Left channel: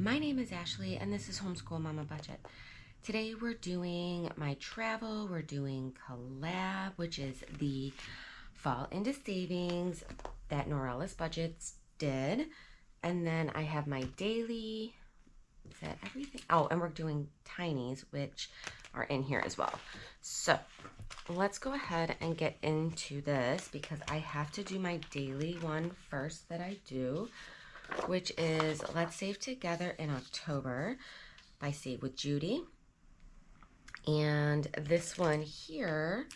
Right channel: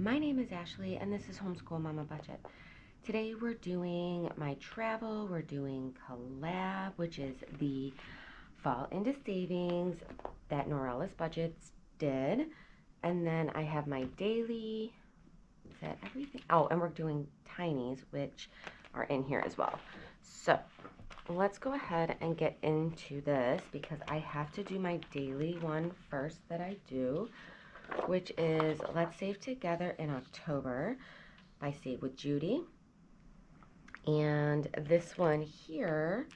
My name is Ashley and this is Homeschool Mama Budget. Today we're doing my travel, we're doing Collab, which is the fall into savings that Norella's Budgets did. And then I have my daily, is that everything? Oh, and we're doing Tinies, which are in here as well. So let's go ahead and get into this because I have to do my daily one first that I do, which is Let's Save Together in October by Save with Judy. And this one here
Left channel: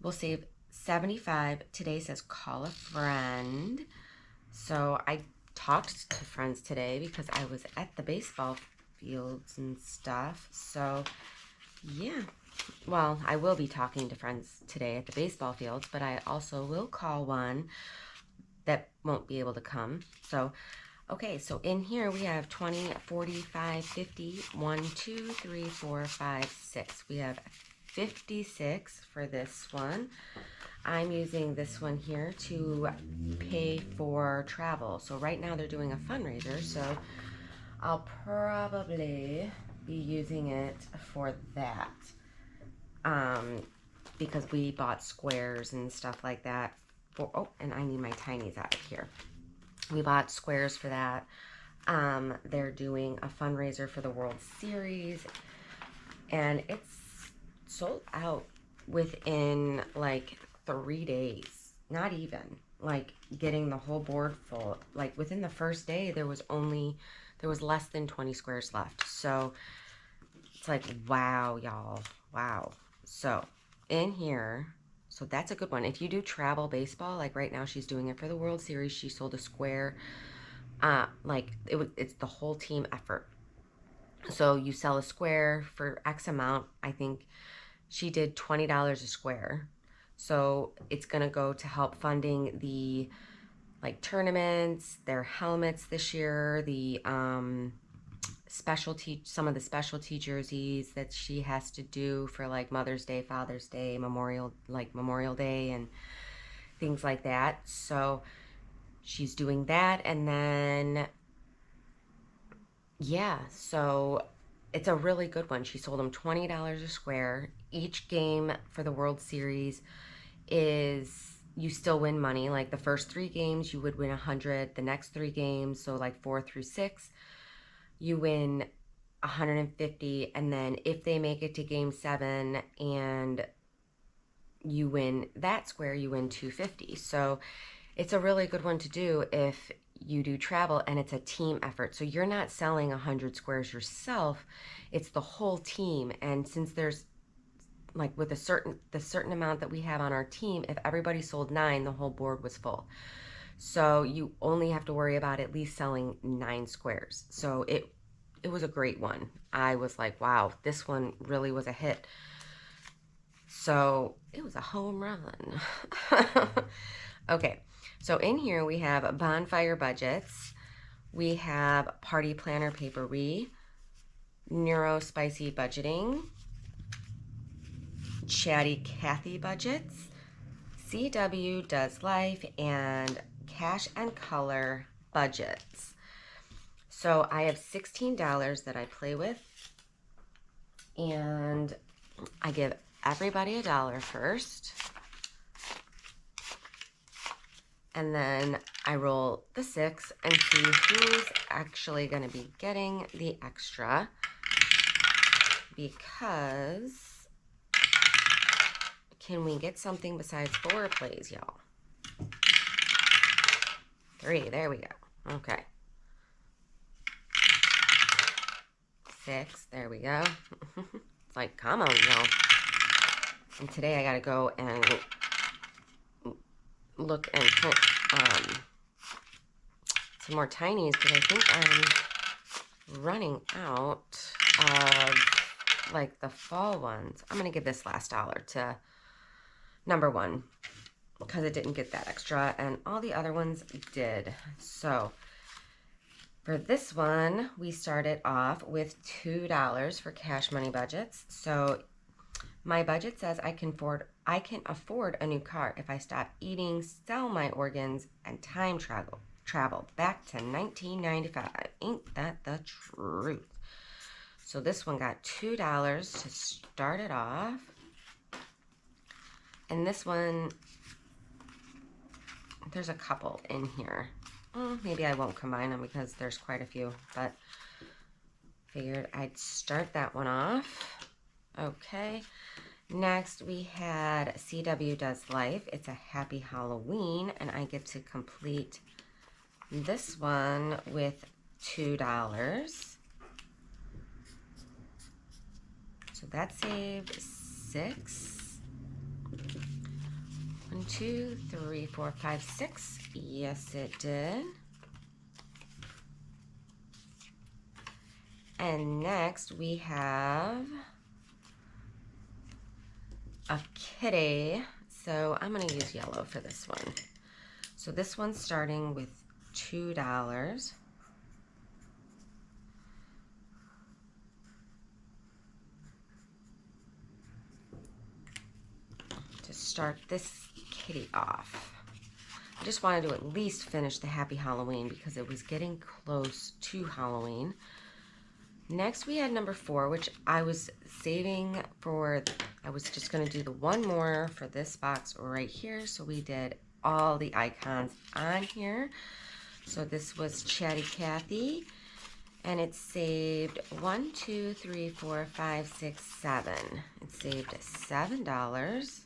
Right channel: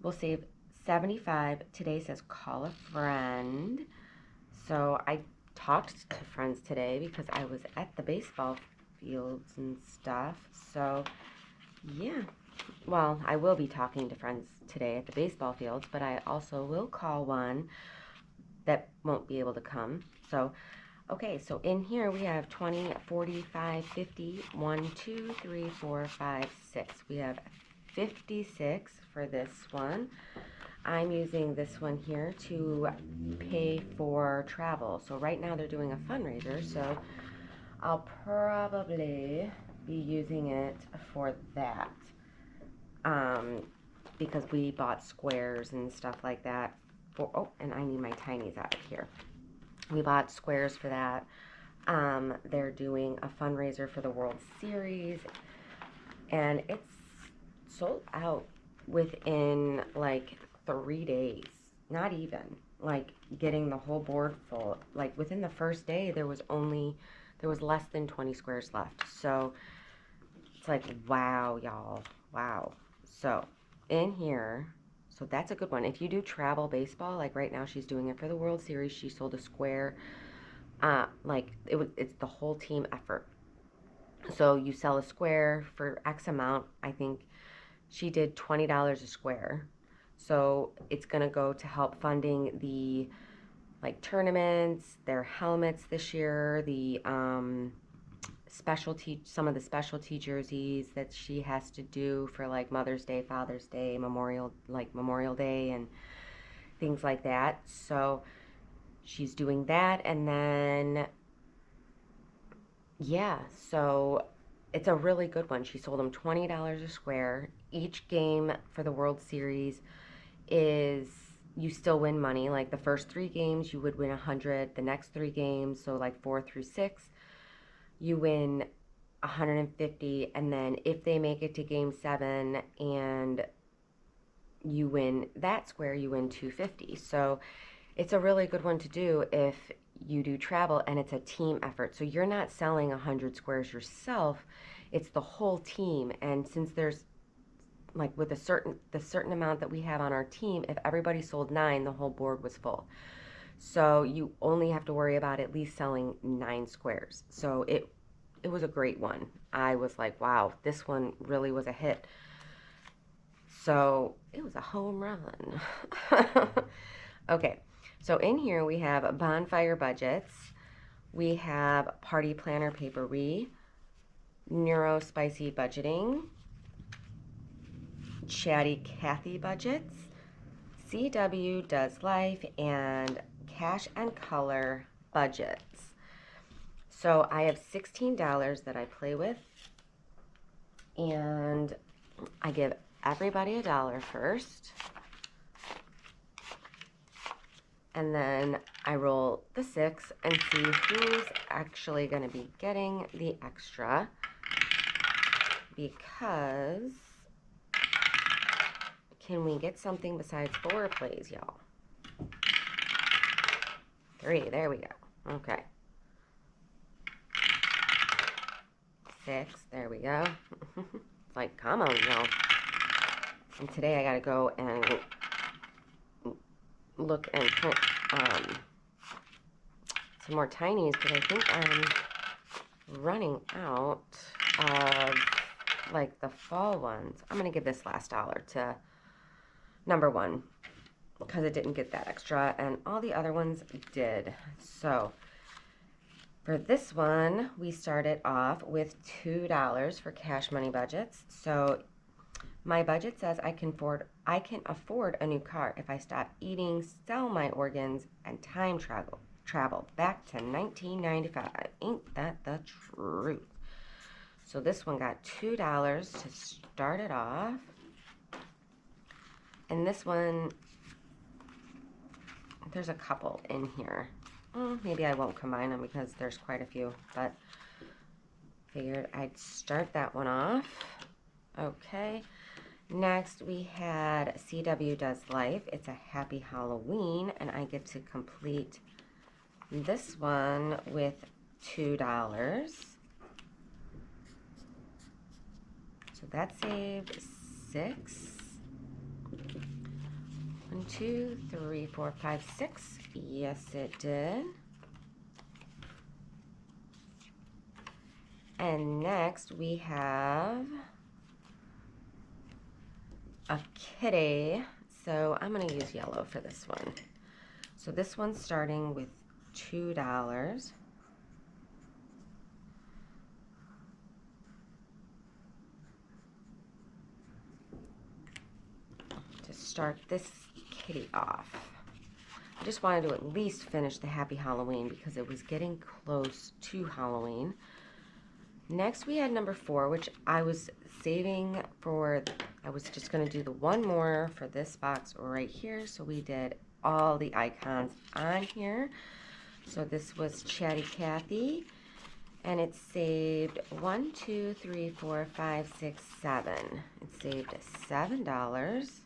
will save 75. Today says call a friend. So I talked to friends today because I was at the baseball fields and stuff. So yeah, well, I will be talking to friends today at the baseball fields, but I also will call one that won't be able to come. So, okay, so in here we have 20, 45, 50, 1, 2, 3, 4, 5, 6. We have 56 for this one. I'm using this one here to pay for travel. So right now they're doing a fundraiser, so I'll probably be using it for that. Because we bought squares and stuff like that. Oh, and I need my Tinies out of here. We bought squares for that. They're doing a fundraiser for the World Series, and it's sold out within like 3 days. Not even like getting the whole board full. Like within the first day, there was less than 20 squares left. So it's like, wow, y'all, wow. So in here, so that's a good one. If you do travel baseball, like right now she's doing it for the World Series, she sold a square. It's the whole team effort. So you sell a square for X amount. I think she did $20 a square. So it's gonna go to help funding the like tournaments, their helmets this year, the some of the specialty jerseys that she has to do for like Mother's Day, Father's Day, Memorial Day and things like that. So she's doing that. And then yeah, so it's a really good one. She sold them $20 a square. Each game for the World Series is, you still win money. Like the first 3 games you would win 100. The next 3 games, so like 4 through 6, you win 150. And then if they make it to game 7 and you win that square, you win 250. So it's a really good one to do if you do travel and it's a team effort. So you're not selling 100 squares yourself, it's the whole team. And since there's like with the certain amount that we have on our team, if everybody sold 9, the whole board was full. So you only have to worry about at least selling 9 squares. So it was a great one. I was like, wow, this one really was a hit. So it was a home run. Okay, so in here we have Bonfire Budgets. We have Party Planner Papery, Neuro Spicy Budgeting, Chatty KathyBudgets, CW Does Life, and Cash and Color Budgets. So I have $16 that I play with, and I give everybody $1 first. And then I roll the 6 and see who's actually going to be getting the extra, because can we get something besides 4 plays, y'all? 3, there we go. Okay. 6, there we go. It's like, come on, y'all. And today I gotta go and look and print some more Tinies because I think I'm running out of like the fall ones. I'm gonna give this last $1 to number 1 because it didn't get that extra and all the other ones did. So for this one, we started off with $2 for cash money budgets. So my budget says I can afford a new car if I stop eating, sell my organs, and time travel. travel back to 1995. Ain't that the truth? So this one got $2 to start it off. And this one, there's a couple in here. Maybe I won't combine them because there's quite a few, but figured I'd start that one off. Okay. Next, we had CW Does Life. It's a Happy Halloween, and I get to complete this one with $2. So that saved 6. 1, 2, 3, 4, 5, 6. Yes, it did. And next, we have a kitty. So I'm going to use yellow for this one. So this one's starting with $2. To start this kitty off. I just wanted to at least finish the Happy Halloween because it was getting close to Halloween. Next we had number 4, which I was saving for, I was just going to do the one more for this box right here. So we did all the icons on here. So this was Chatty Cathy, and it saved 1, 2, 3, 4, 5, 6, 7. It saved $7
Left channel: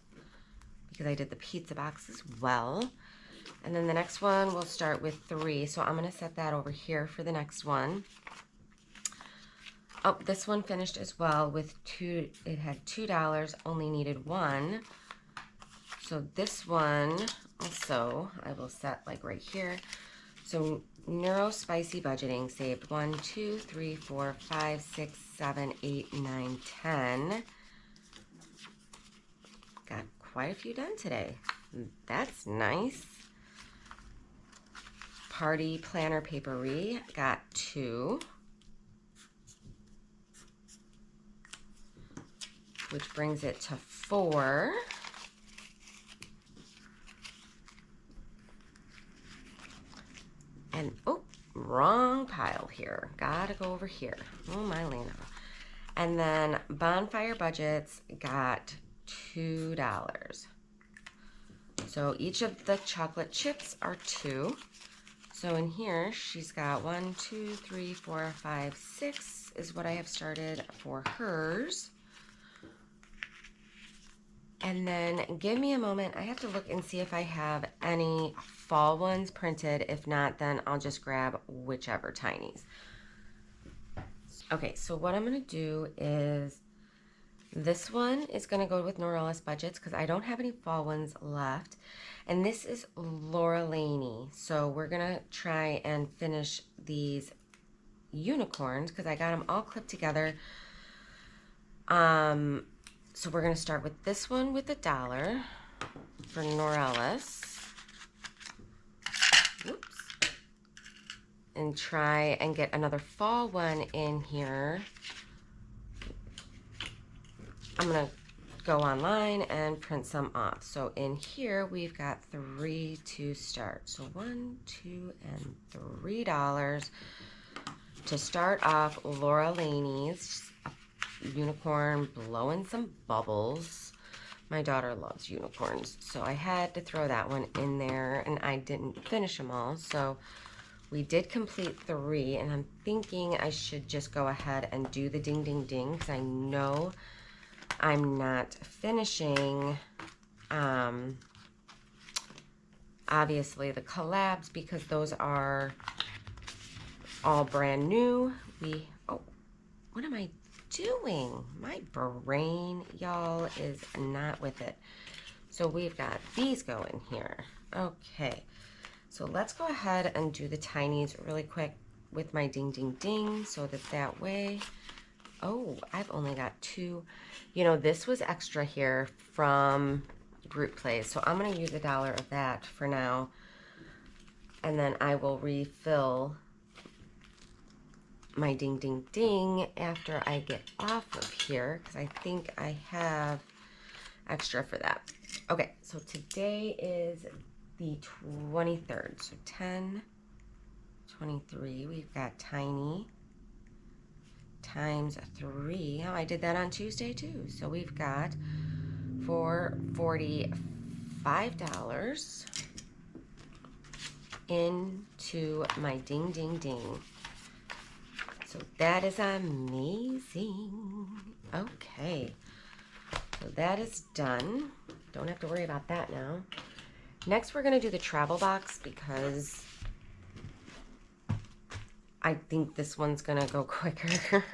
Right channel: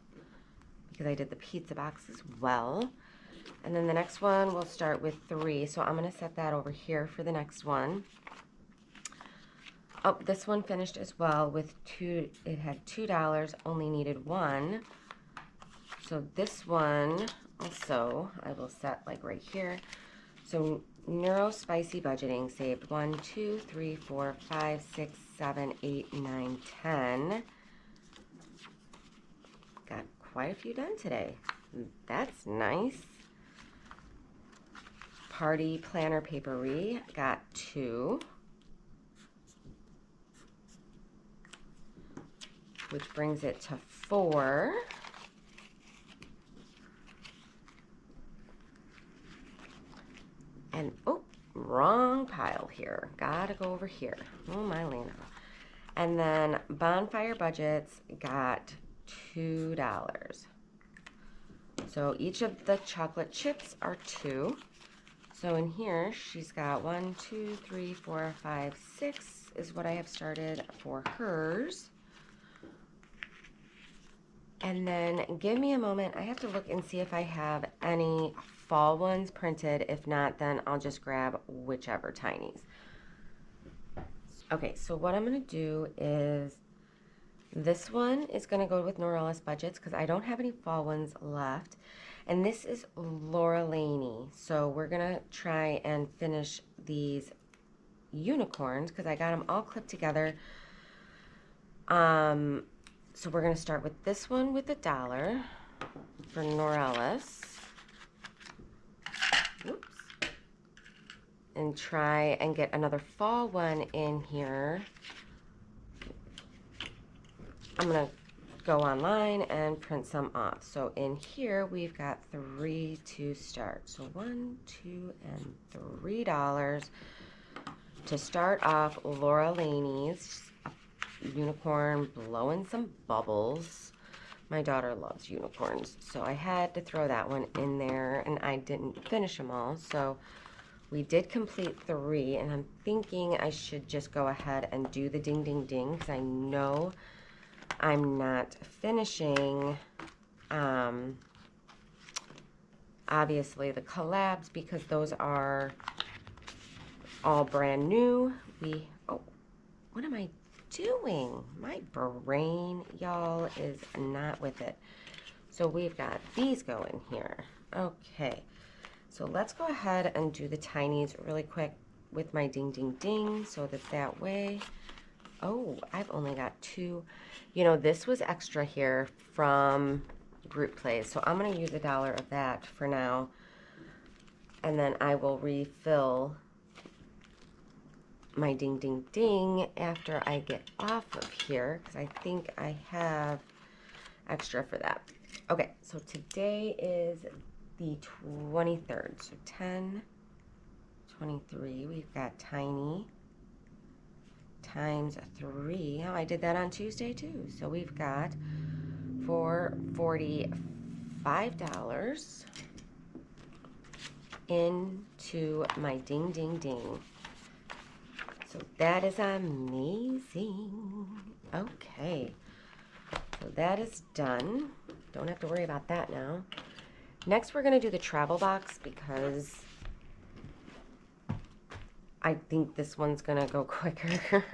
because I did the pizza box as well. And then the next one will start with 3. So I'm going to set that over here for the next one. Oh, this one finished as well with 2. It had $2, only needed 1. So this one also I will set like right here. So Neuro Spicy Budgeting saved 1, 2, 3, 4, 5, 6, 7, 8, 9, 10. Got quite a few done today. That's nice. Party Planner Papery got 2. Which brings it to 4. And, oh, wrong pile here. Gotta go over here. Oh, my Lena. And then Bonfire Budgets got $2. So each of the chocolate chips are 2. So in here, she's got 1, 2, 3, 4, 5, 6 is what I have started for hers. And then give me a moment. I have to look and see if I have any fall ones printed. If not, then I'll just grab whichever tinies. Okay, so what I'm going to do is this one is going to go with Norella's Budgets because I don't have any fall ones left. And this is Laura Laney. So we're going to try and finish these unicorns because I got them all clipped together. So we're going to start with this one with $1 for Norella's. Oops. And try and get another fall one in here. I'm going to go online and print some off. So in here we've got 3 to start. So 1, 2, and $3 to start off Laura Laney's unicorn blowing some bubbles. My daughter loves unicorns, so I had to throw that one in there, and I didn't finish them all. So we did complete 3, and I'm thinking I should just go ahead and do the ding ding ding because I know I'm not finishing obviously the collabs because those are all brand new. Oh, what am I doing? My brain, y'all, is not with it. So we've got these going here. Okay, so let's go ahead and do the tinies really quick with my ding ding ding so that way, oh, I've only got 2. You know, this was extra here from Group Plays, so I'm going to use $1 of that for now, and then I will refill my ding ding ding after I get off of here because I think I have extra for that. Okay, so today is the 23rd, so 10, $4.23. We've got Tiny times 3. Oh, I did that on Tuesday too. So we've got $45 into my ding, ding, ding. So that is amazing. Okay. So that is done. Don't have to worry about that now. Next, we're going to do the travel box because I think this one's going to go quicker.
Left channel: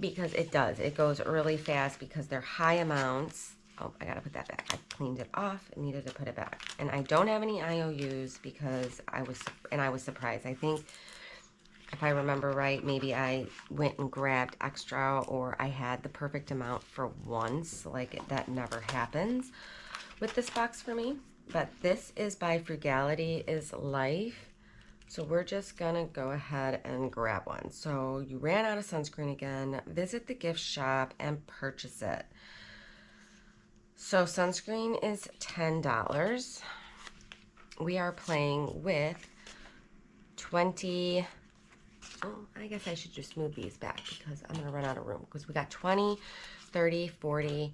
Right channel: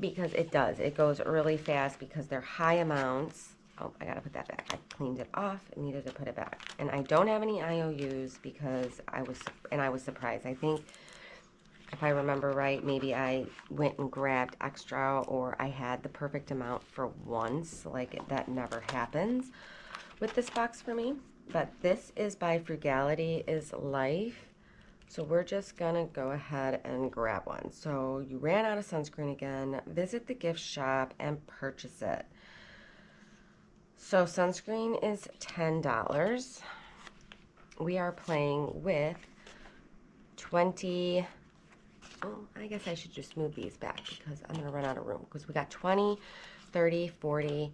Because it does. It goes really fast because they're high amounts. Oh, I got to put that back. I cleaned it off and needed to put it back. And I don't have any IOUs because I was surprised. I think if I remember right, maybe I went and grabbed extra or I had the perfect amount for once. Like that never happens with this box for me. But this is by Frugality is Life. So we're just gonna go ahead and grab one. So you ran out of sunscreen again, visit the gift shop and purchase it. So sunscreen is $10. We are playing with 20, oh, I guess I should just move these back because I'm gonna run out of room because we got 20, 30, 40,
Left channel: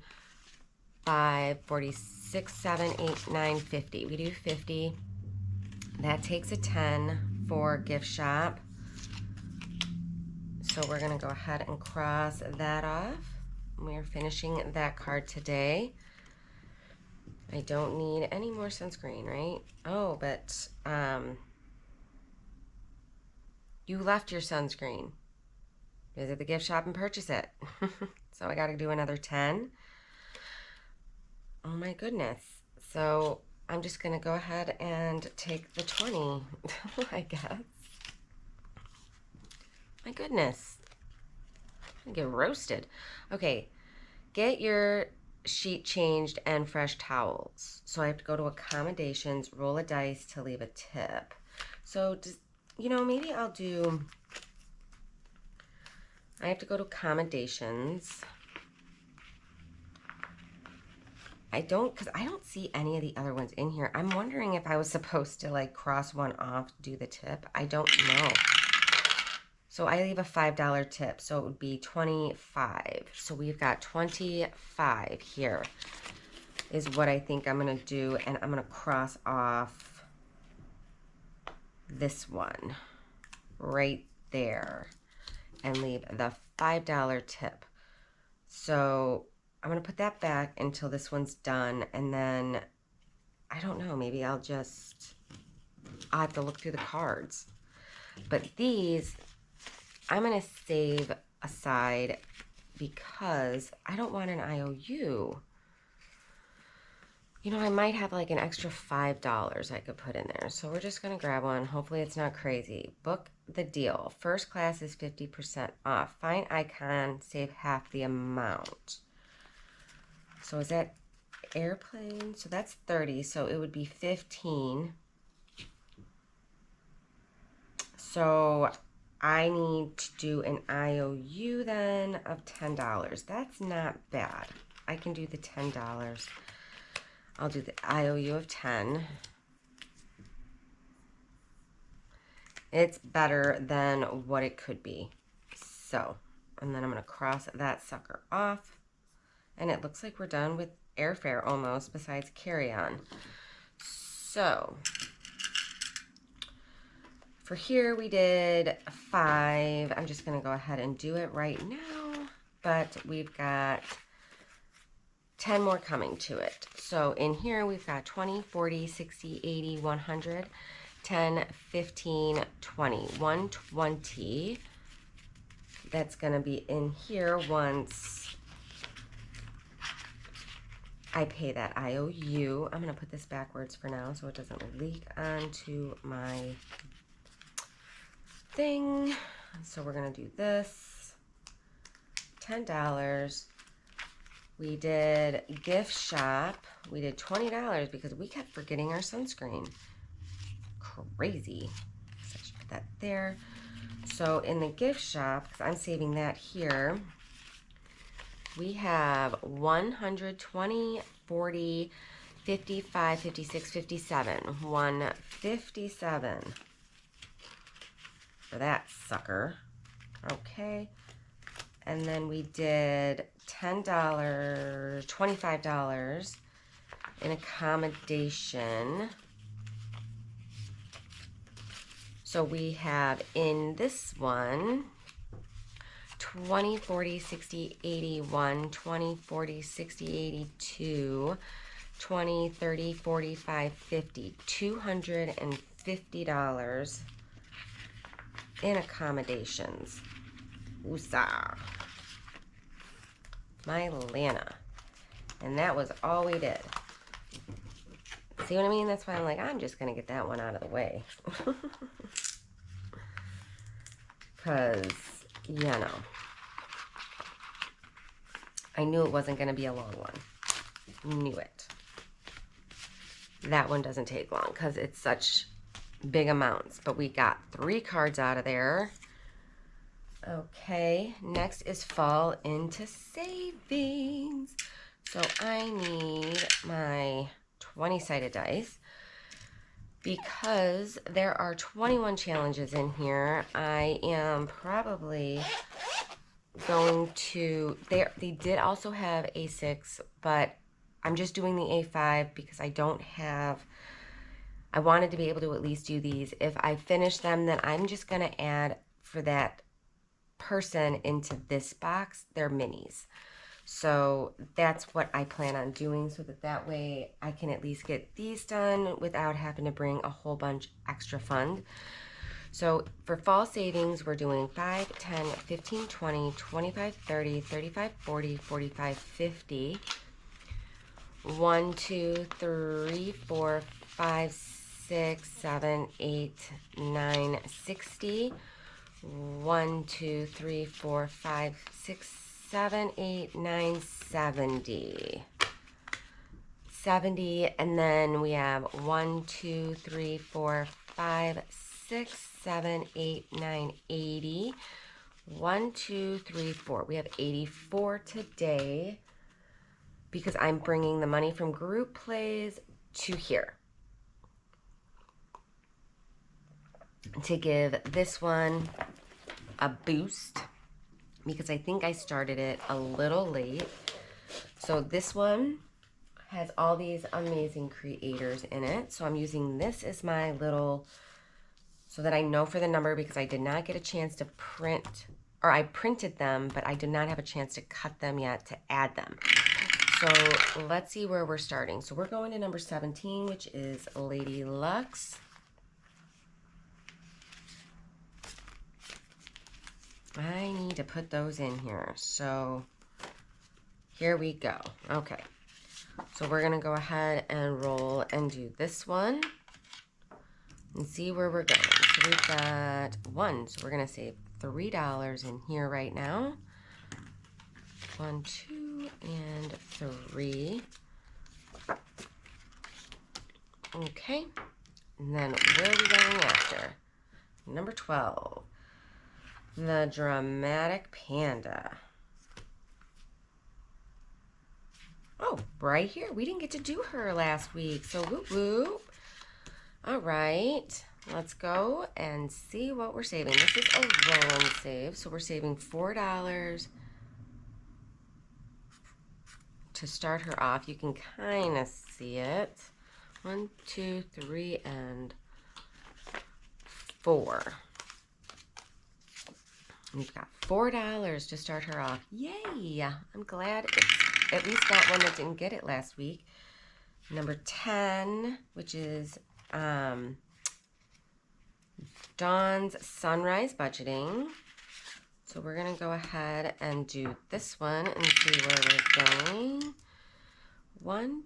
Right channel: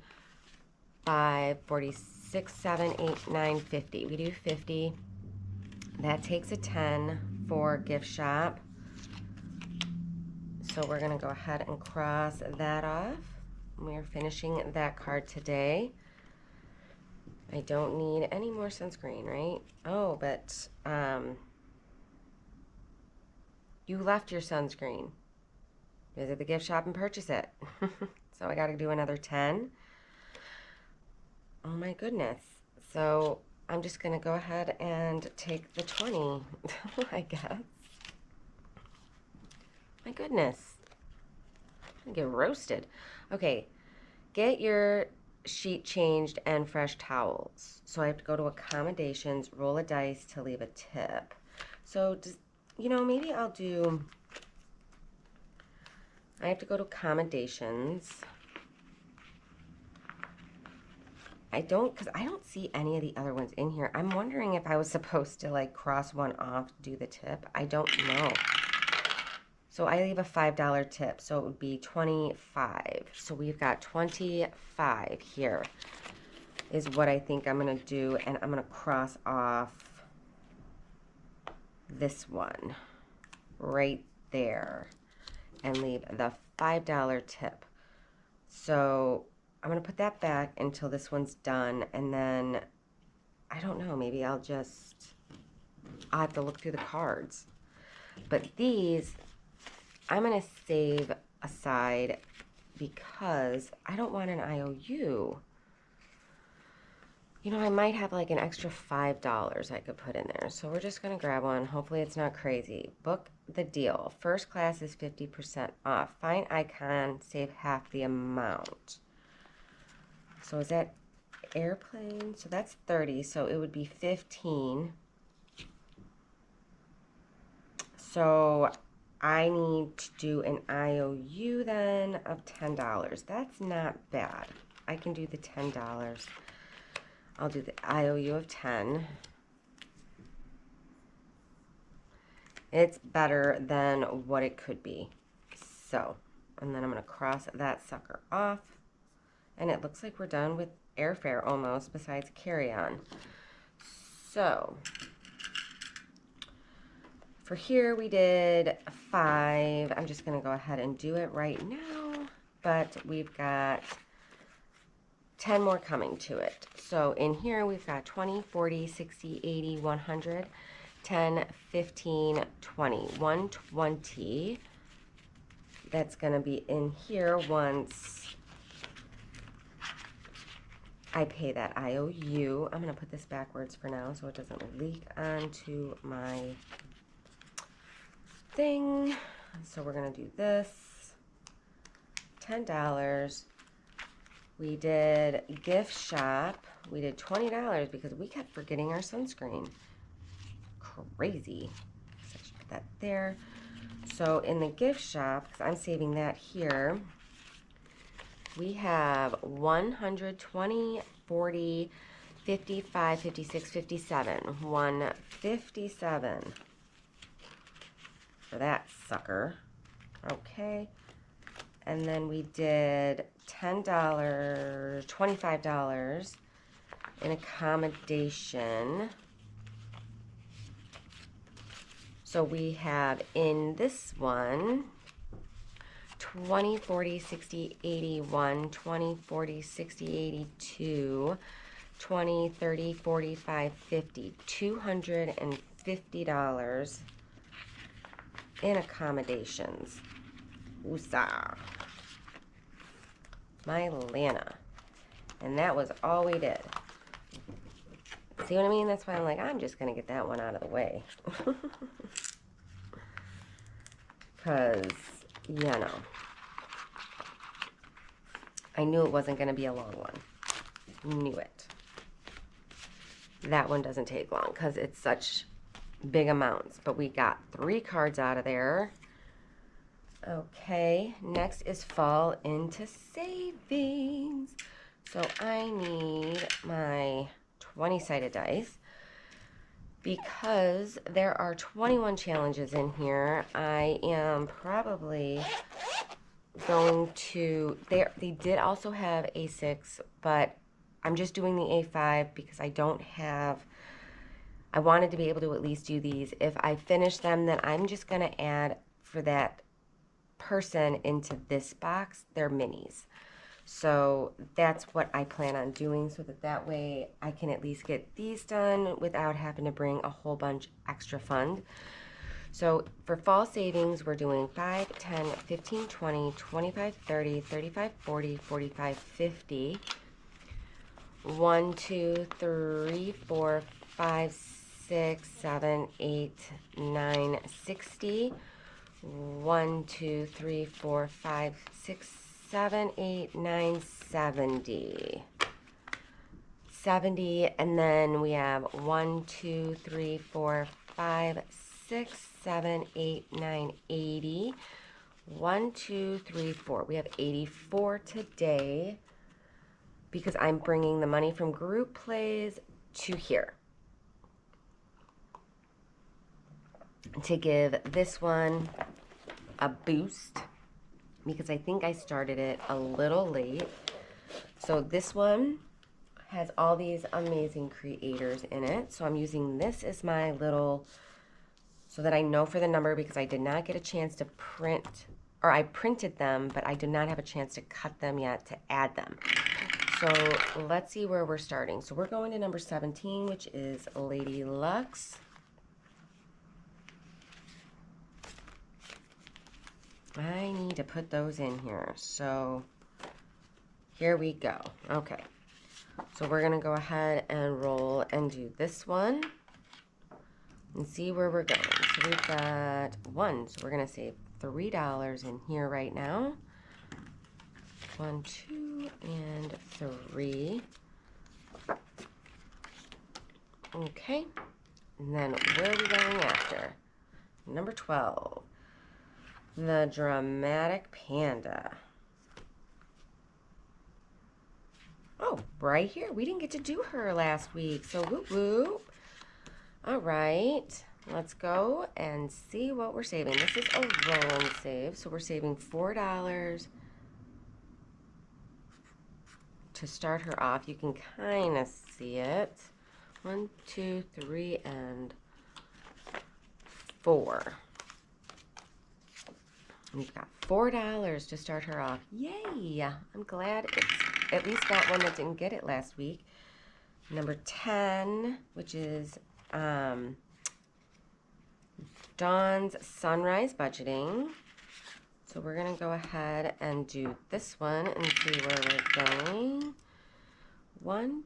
5, 46, 7, 8, 9, 50. We do 50. That takes a 10 for gift shop. So we're going to go ahead and cross that off. We're finishing that card today. I don't need any more sunscreen, right? Oh, but you left your sunscreen. Visit the gift shop and purchase it. So I got to do another 10. Oh my goodness. So I'm just going to go ahead and take the 20, I guess. My goodness. I'm going to get roasted. Okay. Get your sheet changed and fresh towels. So I have to go to accommodations, roll a dice to leave a tip. So, you know, maybe I'll do... I have to go to accommodations. Because I don't see any of the other ones in here. I'm wondering if I was supposed to like cross one off, do the tip. I don't know. So I leave a $5 tip, so it would be 25. So we've got 25 here is what I think I'm going to do. And I'm going to cross off this one right there and leave the $5 tip. So I'm going to put that back until this one's done, and then, I don't know, maybe I'll have to look through the cards. But these, I'm going to save aside because I don't want an IOU. You know, I might have like an extra $5 I could put in there. So we're just going to grab one. Hopefully it's not crazy. Book the deal. First class is 50% off. Find icon, save half the amount. So is that airplane? So that's 30. So it would be 15. So I need to do an IOU then of $10. That's not bad. I can do the $10. I'll do the IOU of 10. It's better than what it could be. So, and then I'm going to cross that sucker off. And it looks like we're done with airfare almost, besides carry-on. So, for here we did 5. I'm just going to go ahead and do it right now. But we've got 10 more coming to it. So in here we've got 20, 40, 60, 80, 100, 10, 15, 20. 120. That's going to be in here once I pay that IOU. I'm going to put this backwards for now so it doesn't leak onto my thing. So we're going to do this. $10. We did gift shop. We did $20 because we kept forgetting our sunscreen. Crazy. So I should put that there. So in the gift shop, because I'm saving that here, we have 120, 40, 55, 56, 57. 157 for that sucker. Okay. And then we did $10, $25 in accommodation. So we have in this one 20, 40, 60, 81, 20, 40, 60, 82, 20, 30, 45, 50, $250 in accommodations. Woosah. My Lana. And that was all we did. See what I mean? That's why I'm like, I'm just going to get that one out of the way. Because, you know, I knew it wasn't going to be a long one. Knew it. That one doesn't take long because it's such big amounts. But we got 3 cards out of there. Okay, next is fall into savings. So I need my 20-sided dice because there are 21 challenges in here. I am probably going to, they did also have A6, but I'm just doing the A5 because I wanted to be able to at least do these. If I finish them, then I'm just going to add for that person into this box their minis. So that's what I plan on doing, so that way I can at least get these done without having to bring a whole bunch extra fund. So for fall savings, we're doing 5, 10, 15, 20, 25, 30, 35, 40, 45, 50. 1, 2, 3, 4, 5, 6, 7, 8, 9, 60. 1, 2, 3, 4, 5, 6, 7, 8, 9, 70. 70, and then we have 1, 2, 3, 4, 5, 6, 7, 8, 9, 80. 1, 2, 3, 4. We have 84 today because I'm bringing the money from group plays to here to give this one a boost because I think I started it a little late. So this one has all these amazing creators in it. So I'm using this as my little, so that I know for the number, because I did not get a chance to print, or I printed them, but I did not have a chance to cut them yet to add them. So let's see where we're starting. So we're going to number 17, which is Lady Luck's. I need to put those in here. So here we go. Okay. So we're going to go ahead and roll and do this one and see where we're going. So we've got 1. So we're going to save $3 in here right now. 1, 2, and 3. Okay. And then where are we going after? Number 12. The Dramatic Panda. Oh, right here. We didn't get to do her last week, so whoop whoop. All right, let's go and see what we're saving. This is a roll and save, so we're saving $4 to start her off. You can kind of see it. 1, 2, 3, and 4. We've got $4 to start her off. Yay! I'm glad it's at least got one that didn't get it last week. Number 10, which is Dawn's Sunrise Budgeting. So we're going to go ahead and do this one and see where we're going. 1,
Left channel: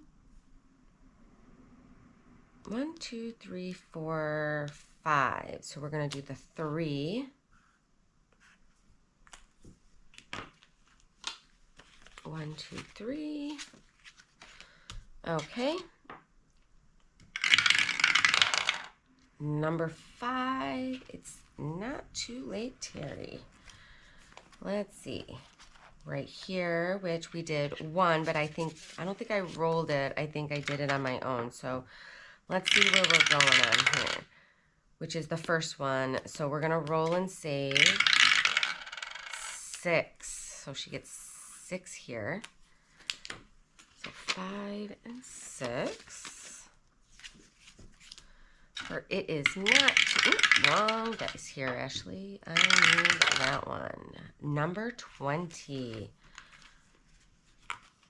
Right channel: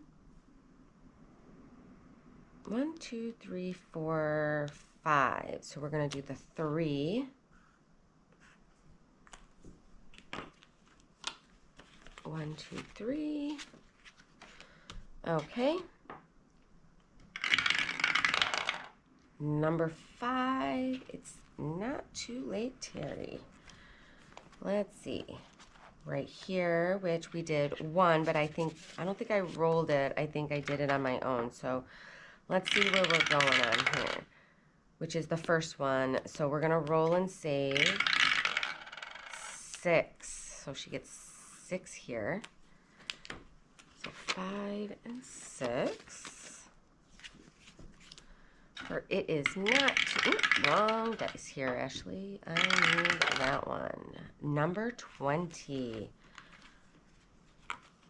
2, 3, 4, 5. So we're going to do the 3. 1, 2, 3. Okay. Number 5. It's not too late, Terry. Let's see. right here, which we did 1, but I don't think I rolled it. I think I did it on my own. So let's see where we're going on here, which is the first one. So we're gonna roll and save 6. So she gets 6 here. So 5 and 6. For it is not, wrong dice here, Ashley. I need that one. Number 20.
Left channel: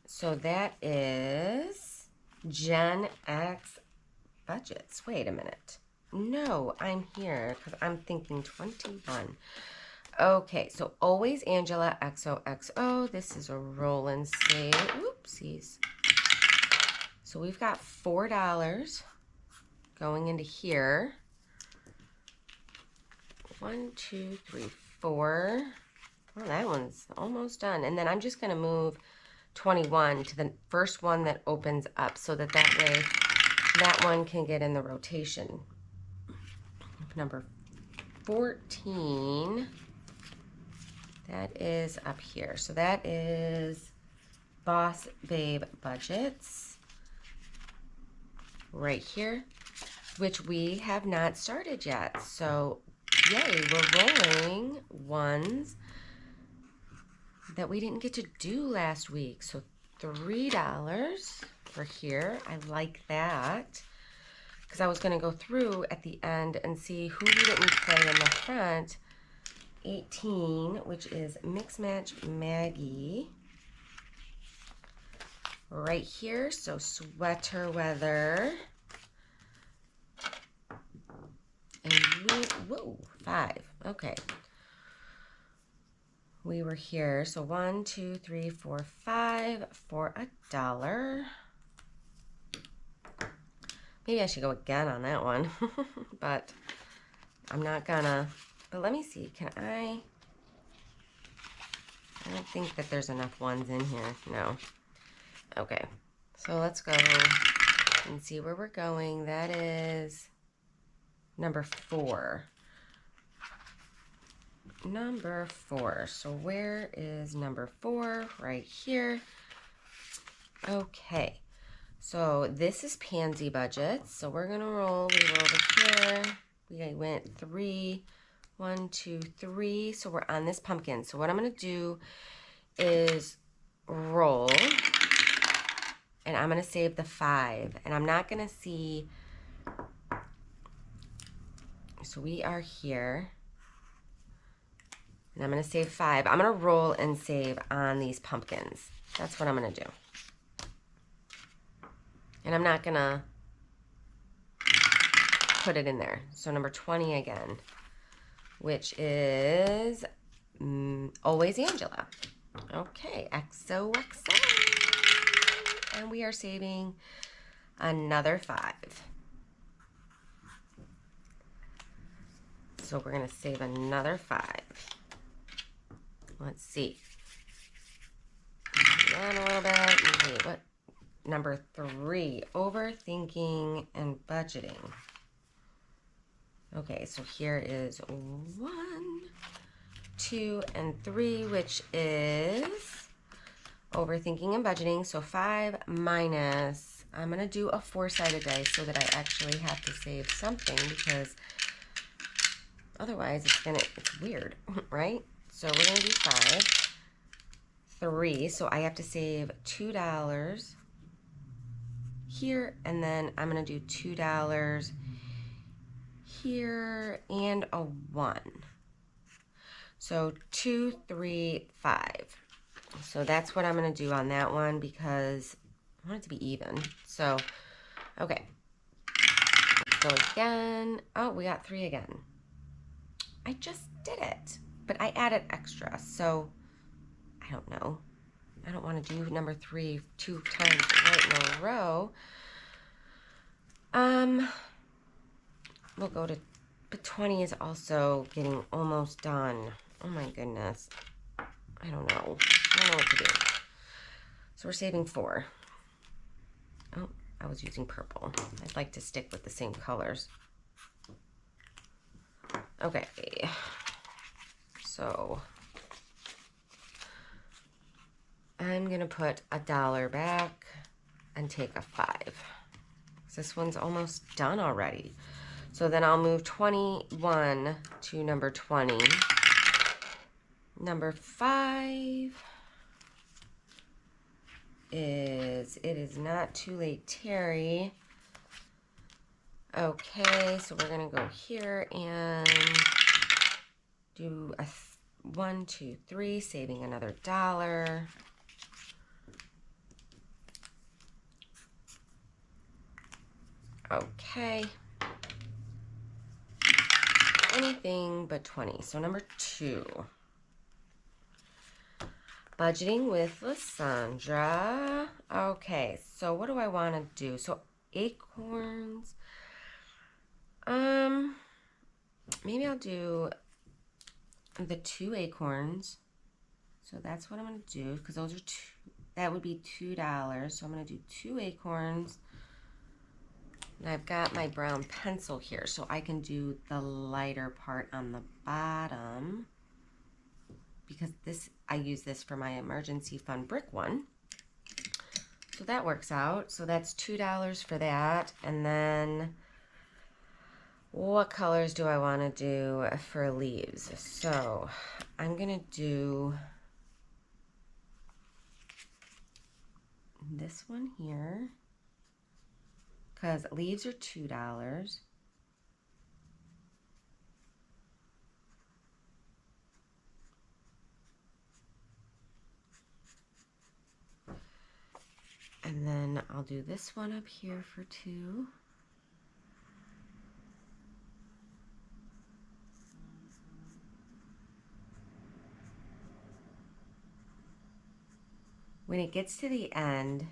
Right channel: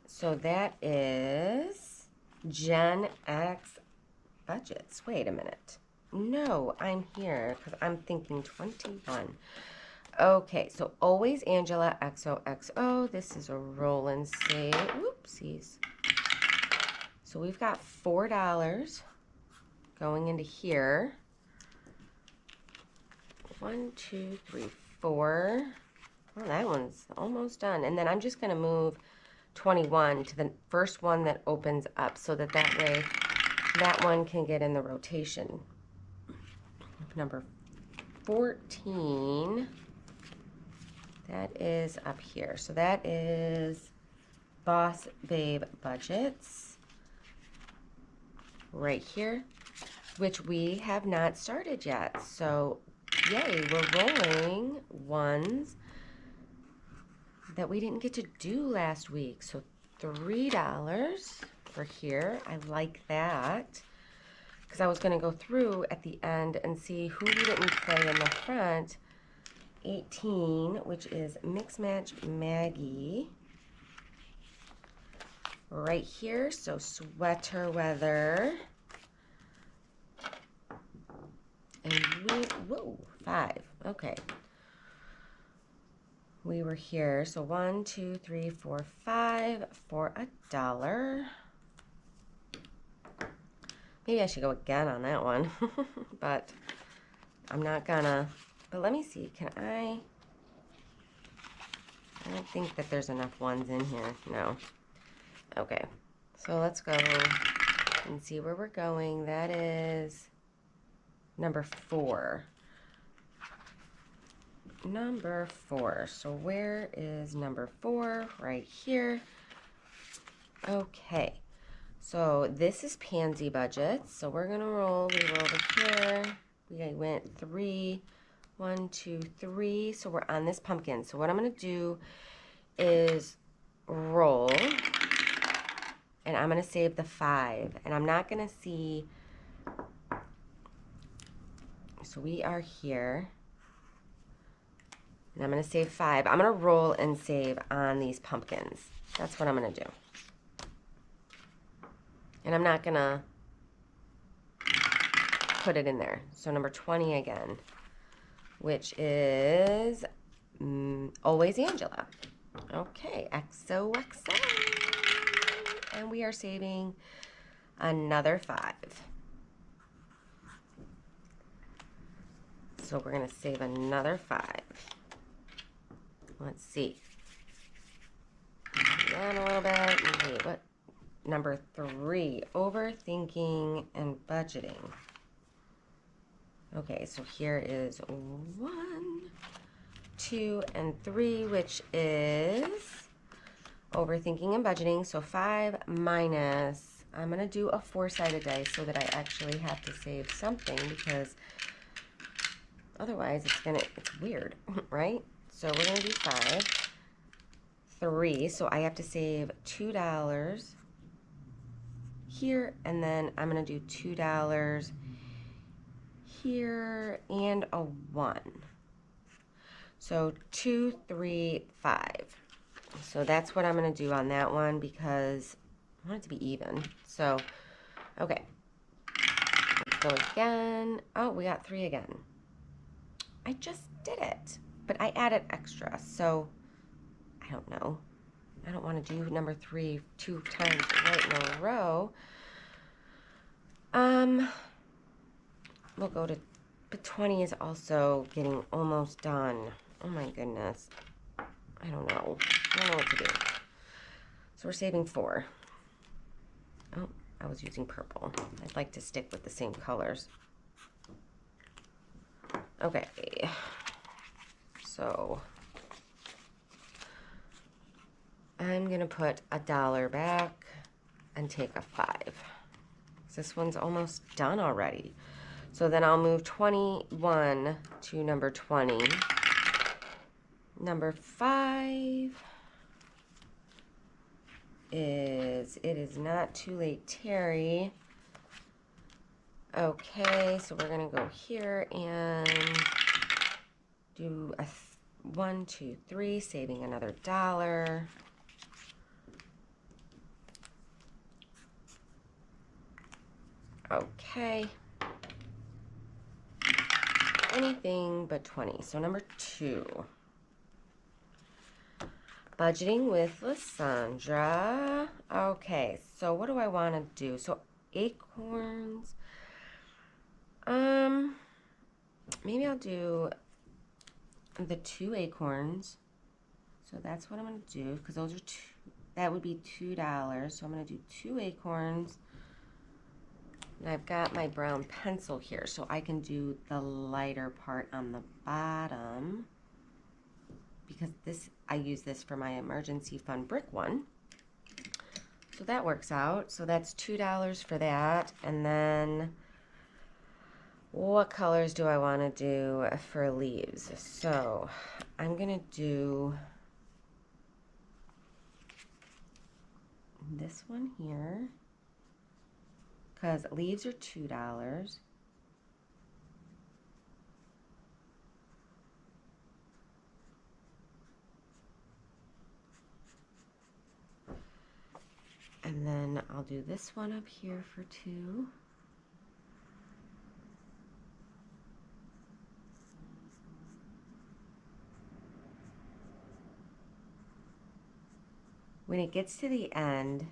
So that is Gen X budgets. Wait a minute. No, I'm here because I'm thinking 21. Okay, so always Angela, XOXO. This is a roll and save. Oopsies. So we've got $4 going into here. 1, 2, 3, 4. Well, that one's almost done. And then I'm just going to move 21 to the first one that opens up so that way that one can get in the rotation. Number 14, that is up here. So that is Boss Babe Budgets right here, which we have not started yet. So yay, we're rolling ones that we didn't get to do last week. So $3 for here. I like that because I was going to go through at the end and see who we didn't play in the front. 18, which is Mix Match Maggie right here. So sweater weather. And whoa, 5. Okay. We were here. So 1, 2, 3, 4, 5 for $1. Maybe I should go again on that one, but I'm not gonna. But let me see. I don't think that there's enough ones in here. No. Okay. So let's go and see where we're going. That is number 4. Number 4. So where is number 4? Right here. Okay. So this is Pansy Budgets. So we're going to roll. We were over here. We went 3. 1, 2, 3. So we're on this pumpkin. So what I'm going to do is roll. And I'm going to save the 5. And I'm not going to see. So we are here. And I'm going to save 5. I'm going to roll and save on these pumpkins. That's what I'm going to do. And I'm not going to put it in there. So number 20 again, which is always Angela. Okay, XOXO. And we are saving another 5. So we're going to save another 5. Let's see. Down a little bit. Wait, what? Number 3, overthinking and budgeting. Okay, so here is 1, 2, and 3, which is overthinking and budgeting. So 5 minus, I'm going to do a 4-sided dice so that I actually have to save something because otherwise it's weird, right? So we're going to do 5, 3, so I have to save $2 here, and then I'm going to do $2 here and a 1. So 2, 3, 5. So that's what I'm going to do on that one because I want it to be even. So, okay. Let's go again. Oh, we got 3 again. I just did it, but I added extra, so I don't know. I don't want to do number 3 2 times right in a row. We'll go to, but 20 is also getting almost done. Oh my goodness. I don't know. I don't know what to do. So we're saving 4. Oh, I was using purple. I'd like to stick with the same colors. Okay. So I'm going to put $1 back and take a 5. This one's almost done already. So then I'll move 21 to number 20. Number 5 is It Is Not Too Late, Terry. Okay, so we're going to go here and do a 1, 2, 3, saving another $1. Okay. Anything but 20. So number 2. Budgeting with Lysandra. Okay, so what do I want to do? So acorns. Maybe I'll do the 2 acorns. So that's what I'm going to do, because those are that would be $2. So I'm going to do 2 acorns. And I've got my brown pencil here, so I can do the lighter part on the bottom, because I use this for my emergency fund brick one. So that works out. So that's $2 for that. And then what colors do I want to do for leaves? So I'm going to do this one here, because leaves are $2. And then I'll do this one up here for $2. When it gets to the end,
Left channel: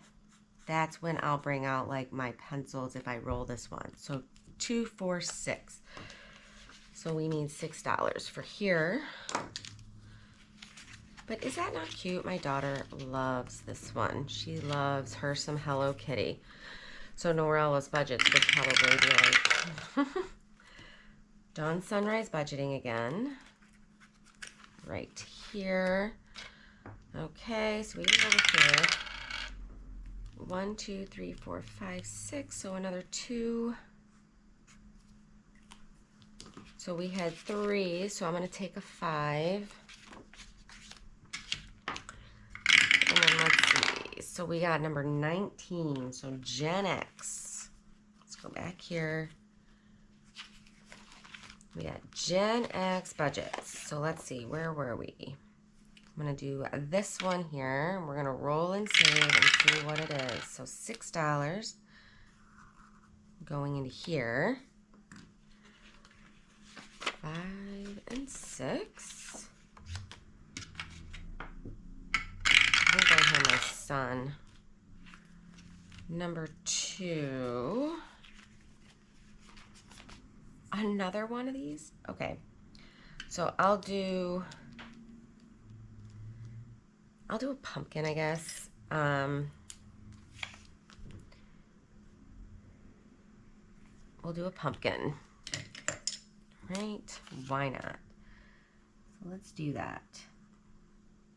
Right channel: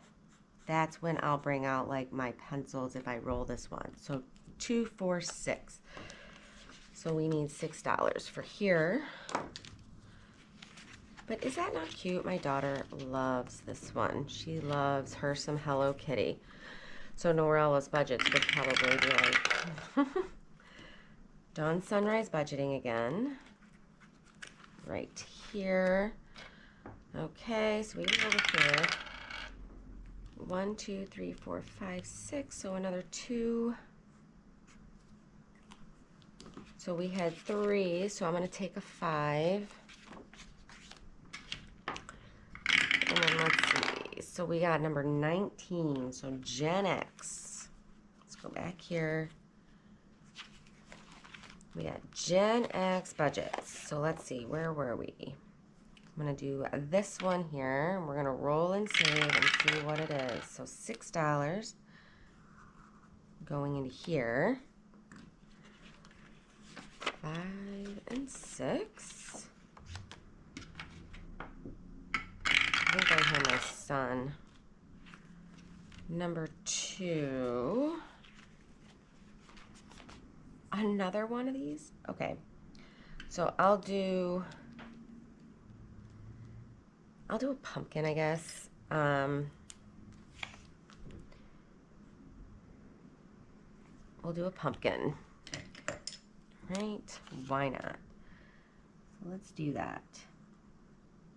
that's when I'll bring out like my pencils if I roll this one. So 2, 4, 6. So we need $6 for here. But is that not cute? My daughter loves this one. She loves her some Hello Kitty. So Norella's budgets would probably be like Dawn Sunrise budgeting again. Right here. Okay, so we go over here. 1, 2, 3, 4, 5, 6. So another 2. So we had 3. So I'm going to take a 5. And then let's see. So we got number 19. So Gen X. Let's go back here. We got Gen X budgets. So let's see. Where were we? I'm going to do this one here. We're going to roll and save and see what it is. So $6 going into here. 5 and 6. I think I hear my son. Number 2. Another one of these? Okay. So I'll do a pumpkin, I guess. We'll do a pumpkin. Right? Why not? So let's do that.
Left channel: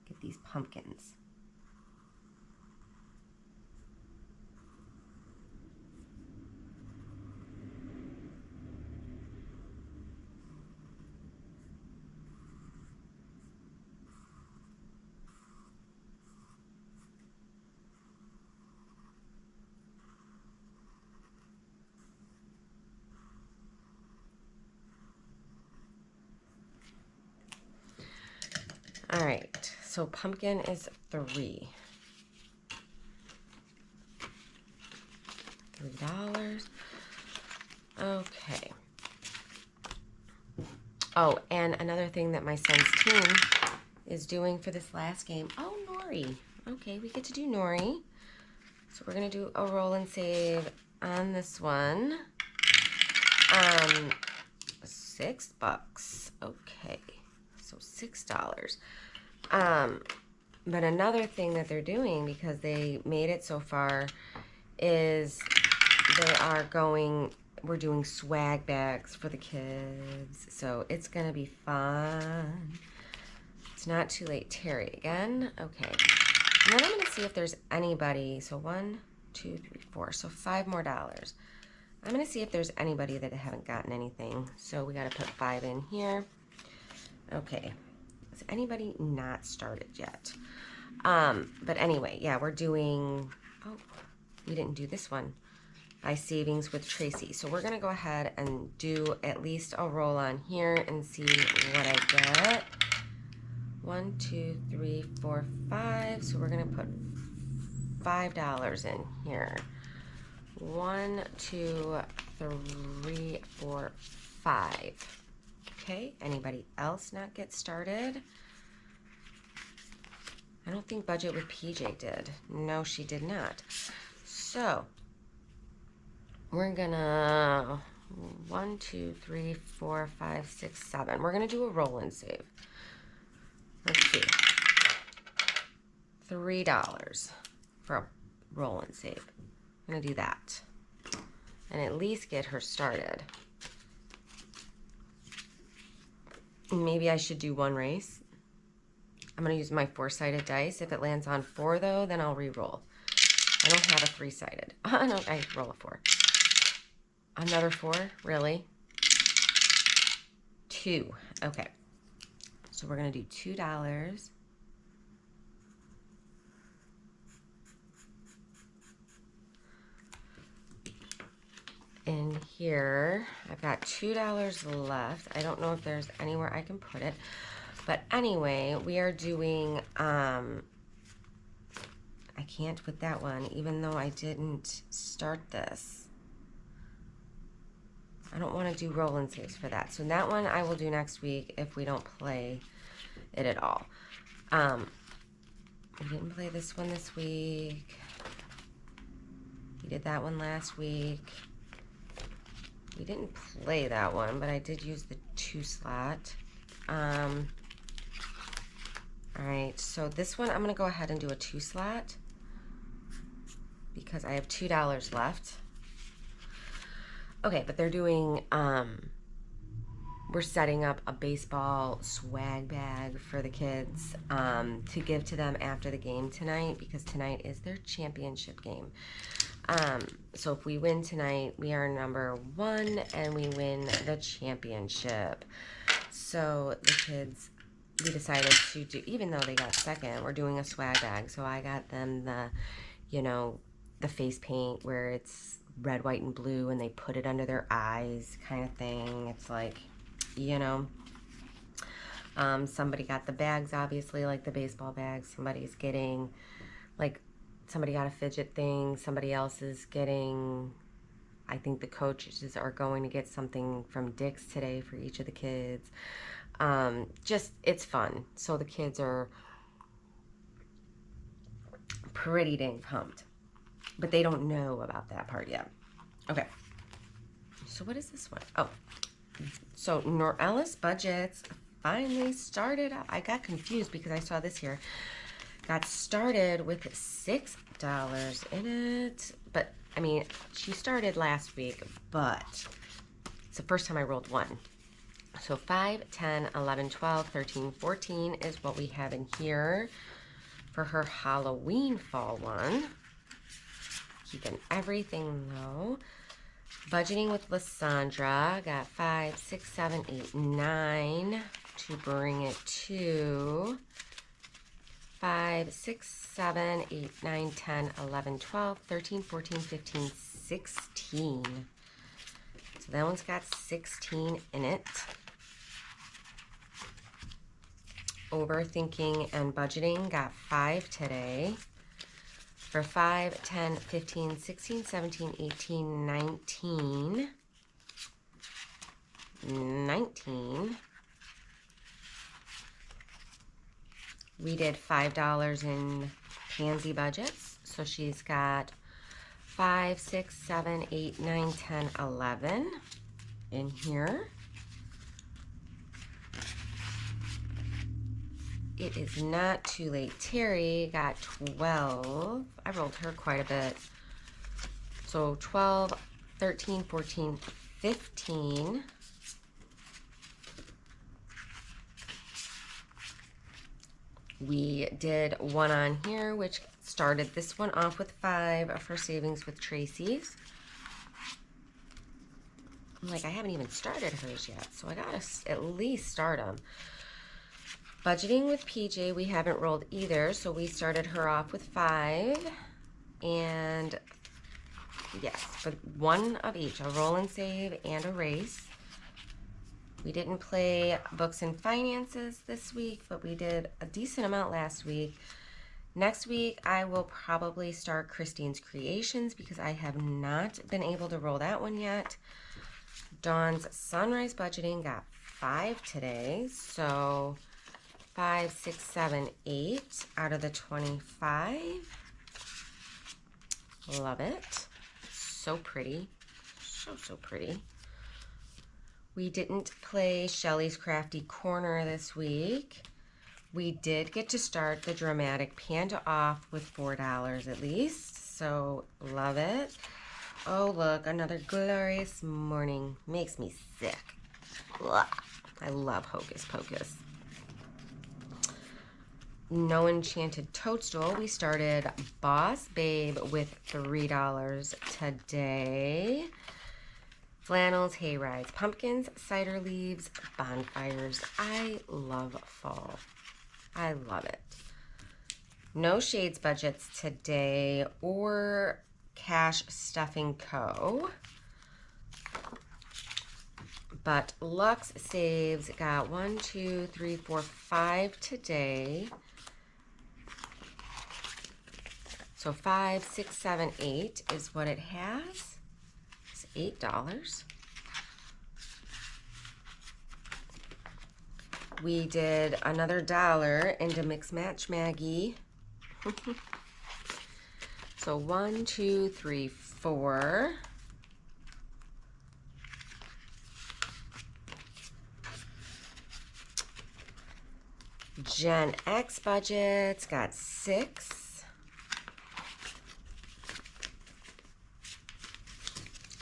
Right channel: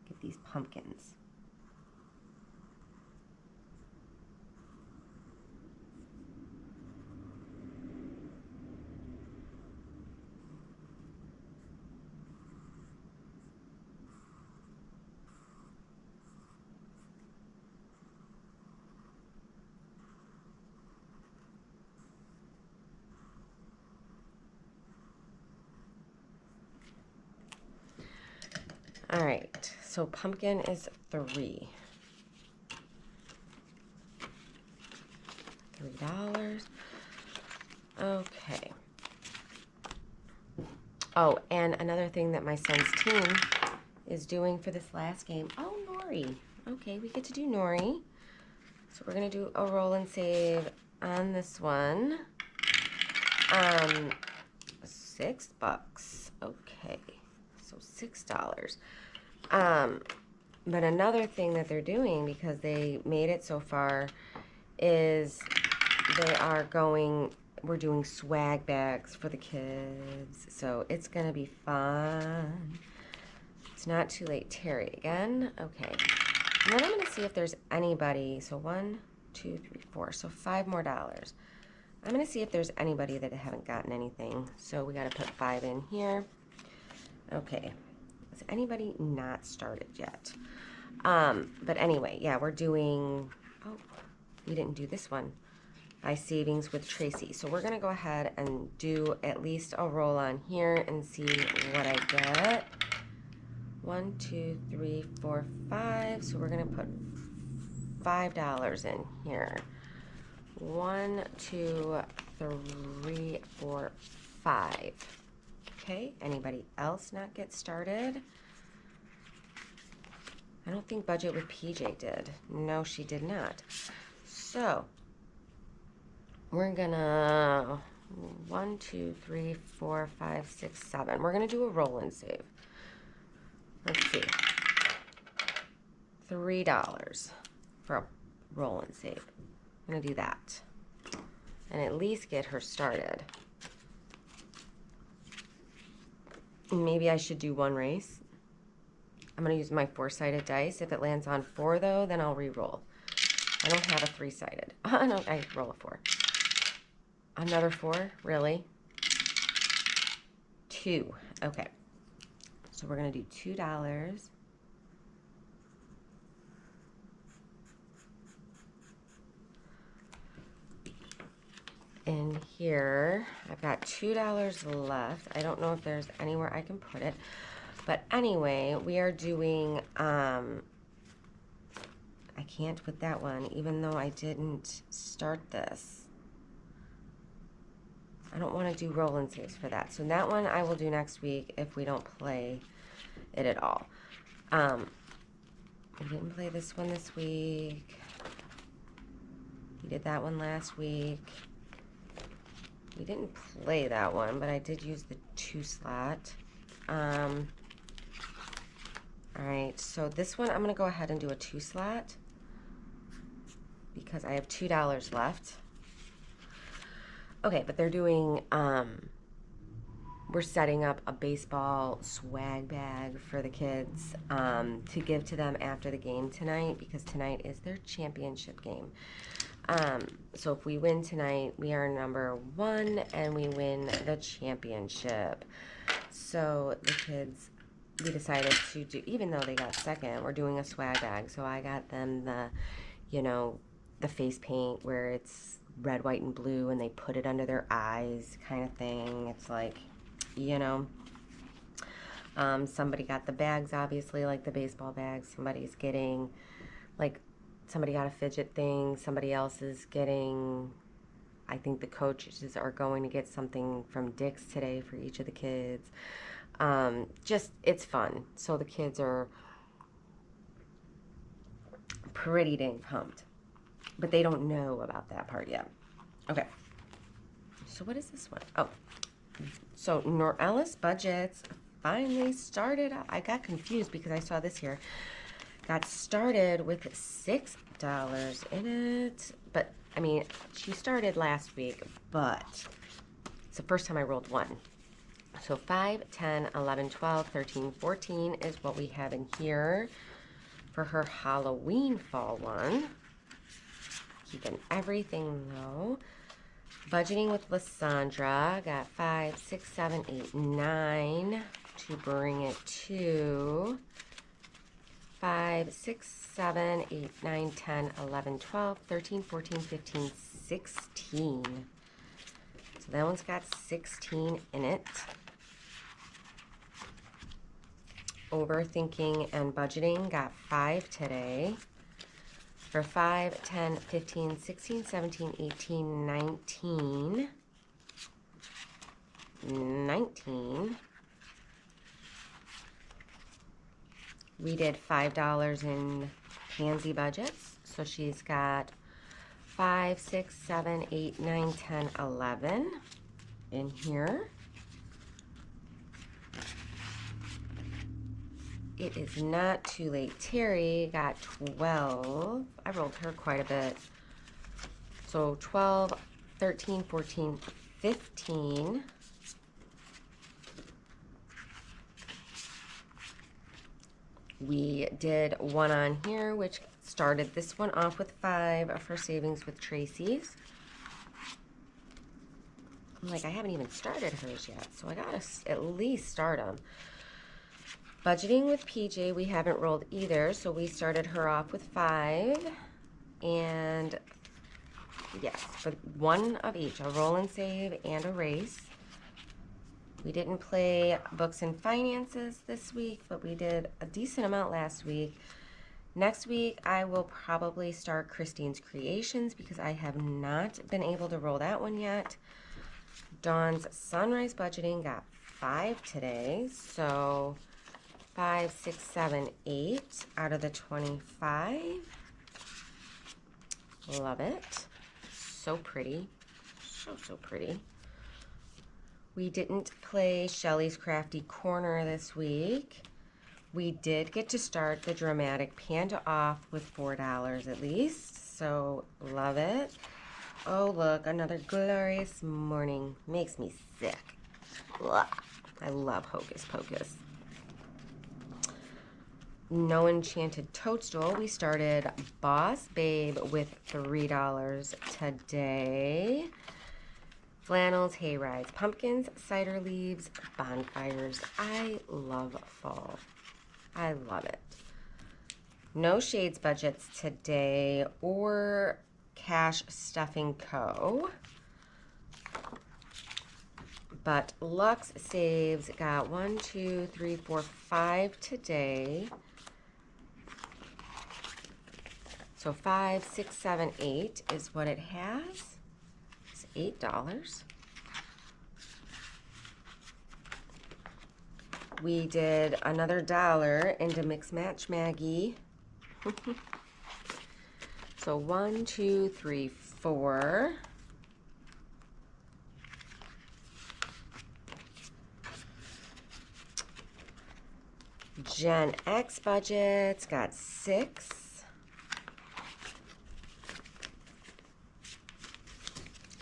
Get these pumpkins. All right, so pumpkin is $3. $3. Okay. Oh, and another thing that my son's team is doing for this last game. Oh, Nori. Okay, we get to do Nori. So we're going to do a roll and save on this one. $6. Okay. So $6. But another thing that they're doing, because they made it so far, is we're doing swag bags for the kids. So it's going to be fun. It's Not Too Late, Terry again. Okay. And then I'm going to see if there's anybody. So 1, 2, 3, 4. So $5 more. I'm going to see if there's anybody that haven't gotten anything. So we got to put 5 in here. Okay. Is anybody not started yet? But anyway, yeah, we're doing, oh, we didn't do this one. By savings with Tracy. So we're going to go ahead and do at least a roll on here and see what I get. 1, 2, 3, 4, 5. So we're going to put $5 in here. 1, 2, 3, 4, 5. Okay, anybody else not get started? I don't think Budget with PJ did. No, she did not. So we're gonna 1, 2, 3, 4, 5, 6, 7. We're gonna do a roll and save. Let's see. $3 for a roll and save. I'm gonna do that. And at least get her started. Maybe I should do one race. I'm gonna use my 4-sided dice. If it lands on 4 though, then I'll re-roll. I don't have a 3-sided. No, I roll a 4. Another 4? Really? 2. Okay. So we're going to do $2. In here, I've got $2 left. I don't know if there's anywhere I can put it. But anyway, we are doing, I can't put that one, even though I didn't start this. I don't want to do roll and saves for that. So that one I will do next week if we don't play it at all. We didn't play this one this week. We did that one last week. We didn't play that one, but I did use the 2 slot. All right, so this one I'm going to go ahead and do a 2 slot because I have $2 left. Okay, but they're doing, we're setting up a baseball swag bag for the kids to give to them after the game tonight because tonight is their championship game. So if we win tonight, we are number 1 and we win the championship. So the kids, we decided to do, even though they got second, we're doing a swag bag. So I got them the, you know, the face paint where it's red, white, and blue, and they put it under their eyes kind of thing. It's like, you know, somebody got the bags, obviously, like the baseball bags. Somebody's getting, like, somebody got a fidget thing. Somebody else is getting, I think the coaches are going to get something from Dick's today for each of the kids. Just, it's fun. So the kids are pretty dang pumped. But they don't know about that part yet. Okay. So what is this one? Oh. So KathyBudgets finally started. I got confused because I saw this here. Got started with $6 in it. But, I mean, she started last week, but it's the first time I rolled 1. So 5, 10, 11, 12, 13, 14 is what we have in here for her Halloween fall one. Keeping everything low. Budgeting with Lysandra. Got 5, 6, 7, 8, 9 to bring it to 5, 6, 7, 8, 9, 10, 11, 12, 13, 14, 15, 16. So that one's got 16 in it. Overthinking and budgeting got 5 today. For 5, 10, 15, 16, 17, 18, 19. 19. We did $5 in KathyBudgets. So she's got 5, 6, 7, 8, 9, 10, 11 in here. It is not too late. Terry got 12. I rolled her quite a bit. So 12, 13, 14, 15. We did one on here, which started this one off with 5 for savings with Tracy's. I'm like, I haven't even started hers yet, so I gotta at least start them. Budgeting with PJ, we haven't rolled either, so we started her off with 5. And yes, for one of each, a roll and save and a race. We didn't play books and finances this week, but we did a decent amount last week. Next week, I will probably start Christine's Creations because I have not been able to roll that one yet. Dawn's Sunrise Budgeting got 5 today, so 5, 6, 7, 8 out of the 25. Love it. So pretty. So pretty. We didn't play Shelly's Crafty Corner this week. We did get to start the Dramatic Panda off with $4 at least, so love it. Oh, look, another Glorious Morning. Makes me sick. Ugh. I love Hocus Pocus. No Enchanted Toadstool. We started Boss Babe with $3 today. Flannels, hay rides, pumpkins, cider leaves, bonfires. I love fall. I love it. No Shades Budgets today or Cash Stuffing Co. But Lux Saves got 1, 2, 3, 4, 5 today. So 5, 6, 7, 8 is what it has. It's $8. We did another $1 into Mix Match Maggie. So 1, 2, 3, 4. Gen X Budgets got 6.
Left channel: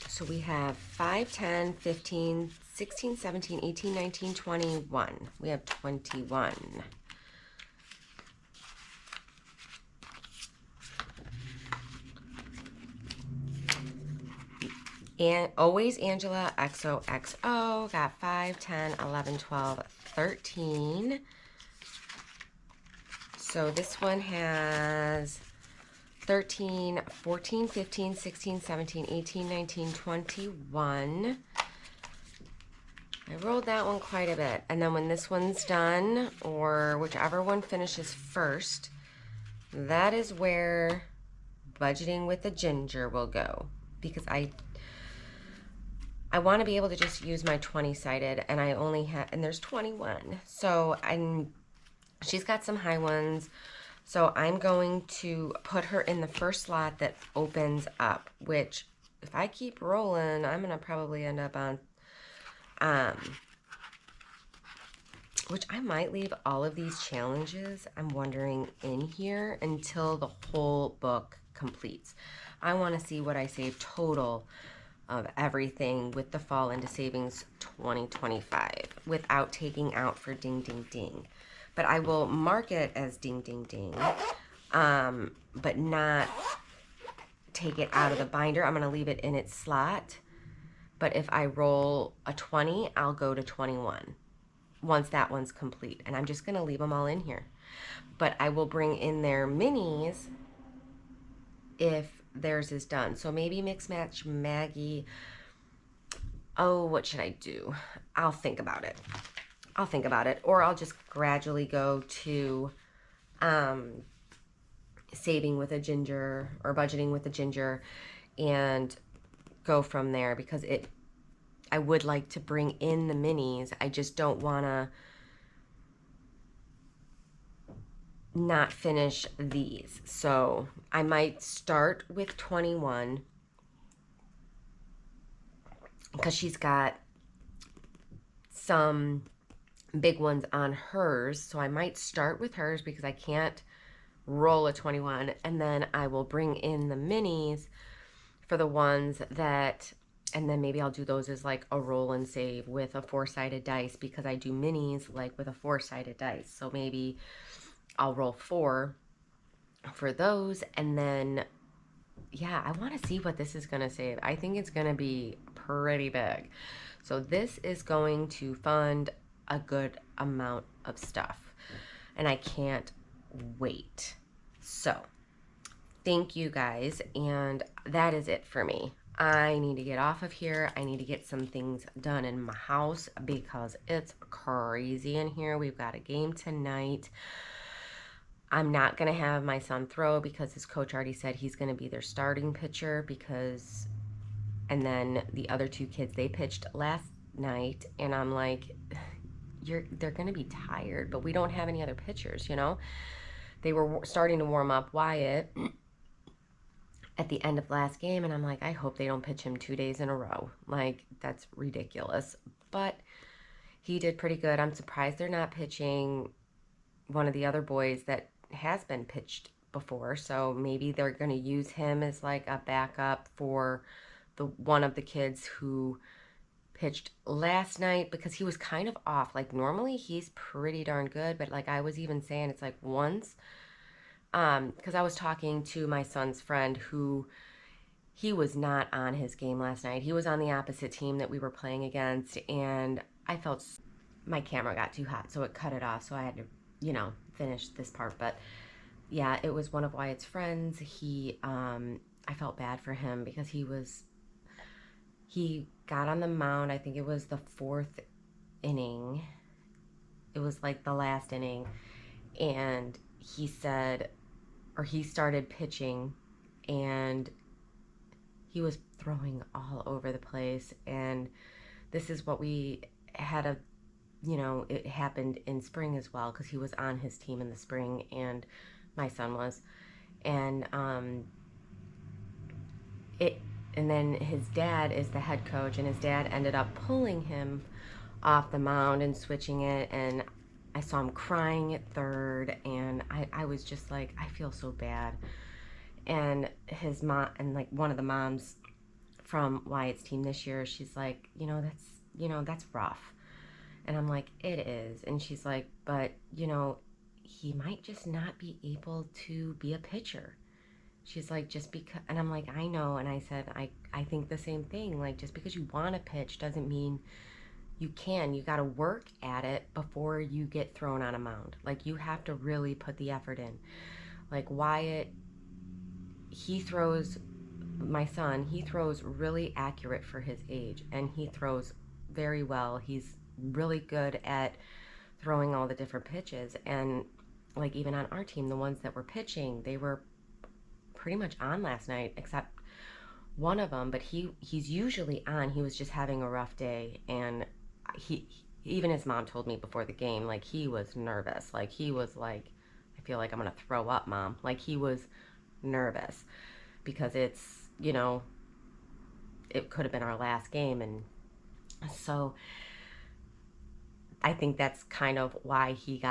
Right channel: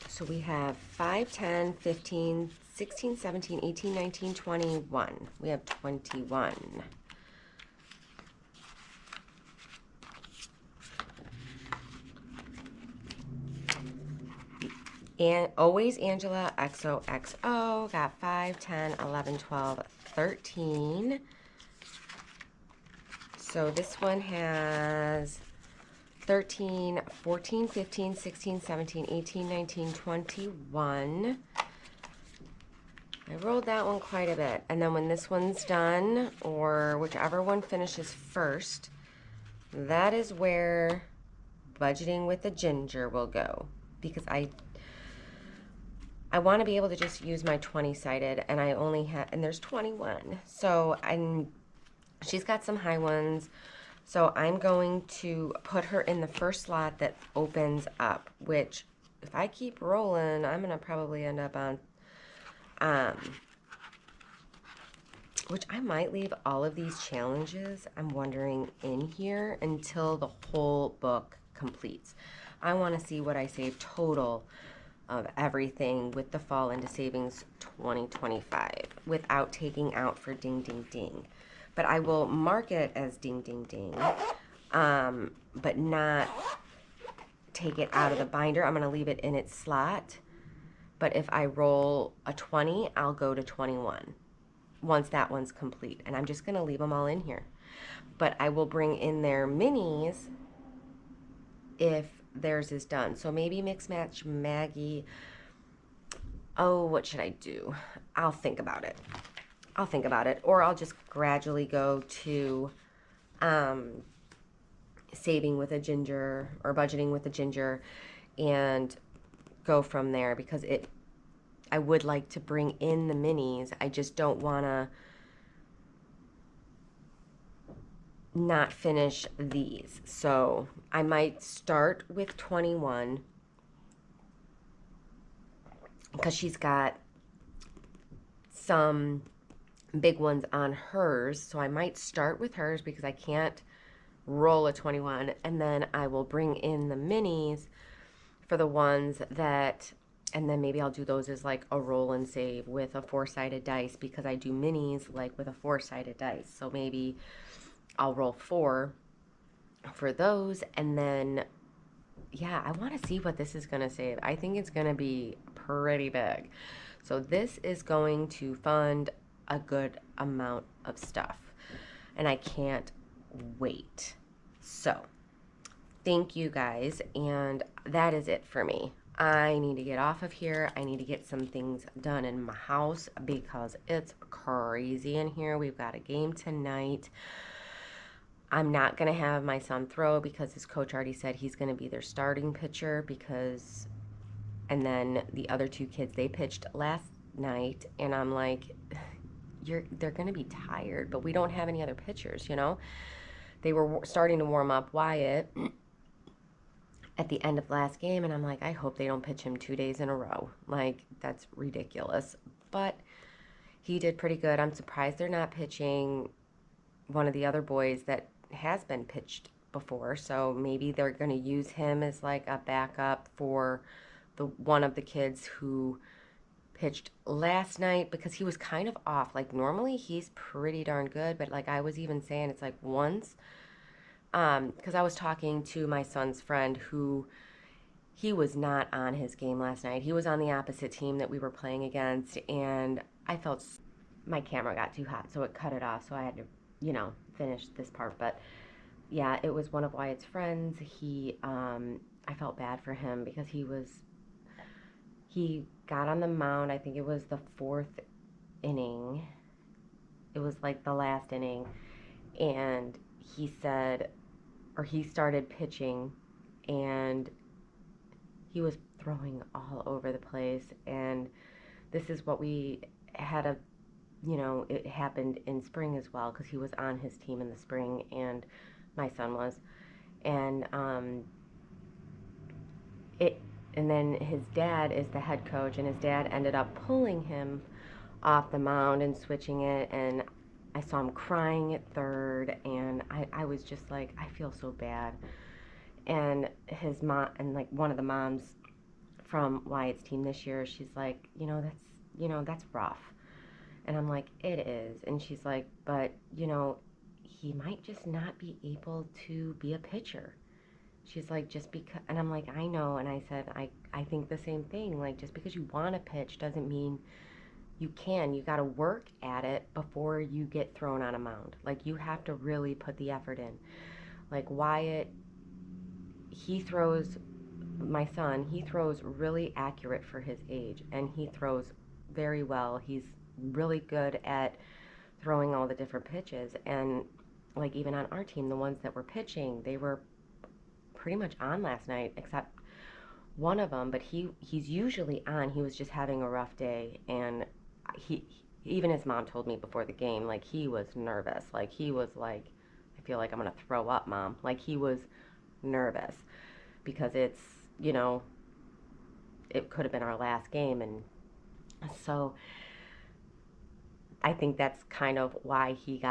So we have 5, 10, 15, 16, 17, 18, 19, 21. We have 21. And Always Angela XOXO got 5, 10, 11, 12, 13. So this one has 13, 14, 15, 16, 17, 18, 19, 21. I rolled that one quite a bit. And then when this one's done, or whichever one finishes first, that is where Budgeting with the Ginger will go. Because I want to be able to just use my 20-sided, and I only have, and there's 21. So she's got some high ones. So I'm going to put her in the first slot that opens up, which if I keep rolling, I'm going to probably end up on, which I might leave all of these challenges, I'm wondering, in here until the whole book completes. I want to see what I save total of everything with the Fall into Savings 2025 without taking out for Ding Ding Ding. But I will mark it as Ding Ding Ding, but not take it out of the binder. I'm going to leave it in its slot. But if I roll a 20, I'll go to 21 once that one's complete. And I'm just going to leave them all in here. But I will bring in their minis if theirs is done. So maybe Mix Match Maggie. Oh, what should I do? I'll think about it. Or I'll just gradually go to Saving with a Ginger or Budgeting with a Ginger and go from there, because I would like to bring in the minis. I just don't want to not finish these. So I might start with 21 because she's got some big ones on hers, so I might start with hers because I can't roll a 21, and then I will bring in the minis for the ones that, and then maybe I'll do those as like a roll and save with a 4-sided dice, because I do minis like with a 4-sided dice. So maybe I'll roll 4 for those, and then yeah, I want to see what this is going to save. I think it's going to be pretty big. So this is going to fund a good amount of stuff, and I can't wait. So thank you guys, and that is it for me. I need to get off of here. I need to get some things done in my house because it's crazy in here. We've got a game tonight. I'm not going to have my son throw because his coach already said he's going to be their starting pitcher because, and then the other 2 kids, they pitched last night, and I'm like, they're going to be tired, but we don't have any other pitchers, you know? They were starting to warm up Wyatt at the end of last game, and I'm like, I hope they don't pitch him 2 days in a row. Like, that's ridiculous. But he did pretty good. I'm surprised they're not pitching one of the other boys that has been pitched before, so maybe they're going to use him as like a backup for the one of the kids who pitched last night because he was kind of off. Like normally he's pretty darn good, but like I was even saying, it's like once because I was talking to my son's friend who he was not on his game last night. He was on the opposite team that we were playing against, and I felt my camera got too hot, so it cut it off, so I had to, you know, finish this part. But yeah, it was one of Wyatt's friends. I felt bad for him because he got on the mound. I think it was the 4th inning. It was like the last inning, and he said, or he started pitching, and he was throwing all over the place. And this is what we had it happened in spring as well because he was on his team in the spring, and my son was, and and then his dad is the head coach, and his dad ended up pulling him off the mound and switching it, and I saw him crying at third, and I was just like, I feel so bad. And his mom, and like one of the moms from Wyatt's team this year, she's like, that's rough. And I'm like, it is. And she's like, but he might just not be able to be a pitcher. She's like, just because, and I'm like, I know. And I said, I think the same thing. Like, just because you want to pitch doesn't mean you can. You got to work at it before you get thrown on a mound. Like, you have to really put the effort in. Like, Wyatt, my son, he throws really accurate for his age, and he throws very well. He's really good at throwing all the different pitches. And, like, even on our team, the ones that were pitching, they were pretty much on last night, except one of them, but he's usually on. He was just having a rough day, and even his mom told me before the game, like, he was nervous. Like, he was like, I feel like I'm gonna throw up, Mom. Like, he was nervous because it's, it could have been our last game. And so I think that's kind of why he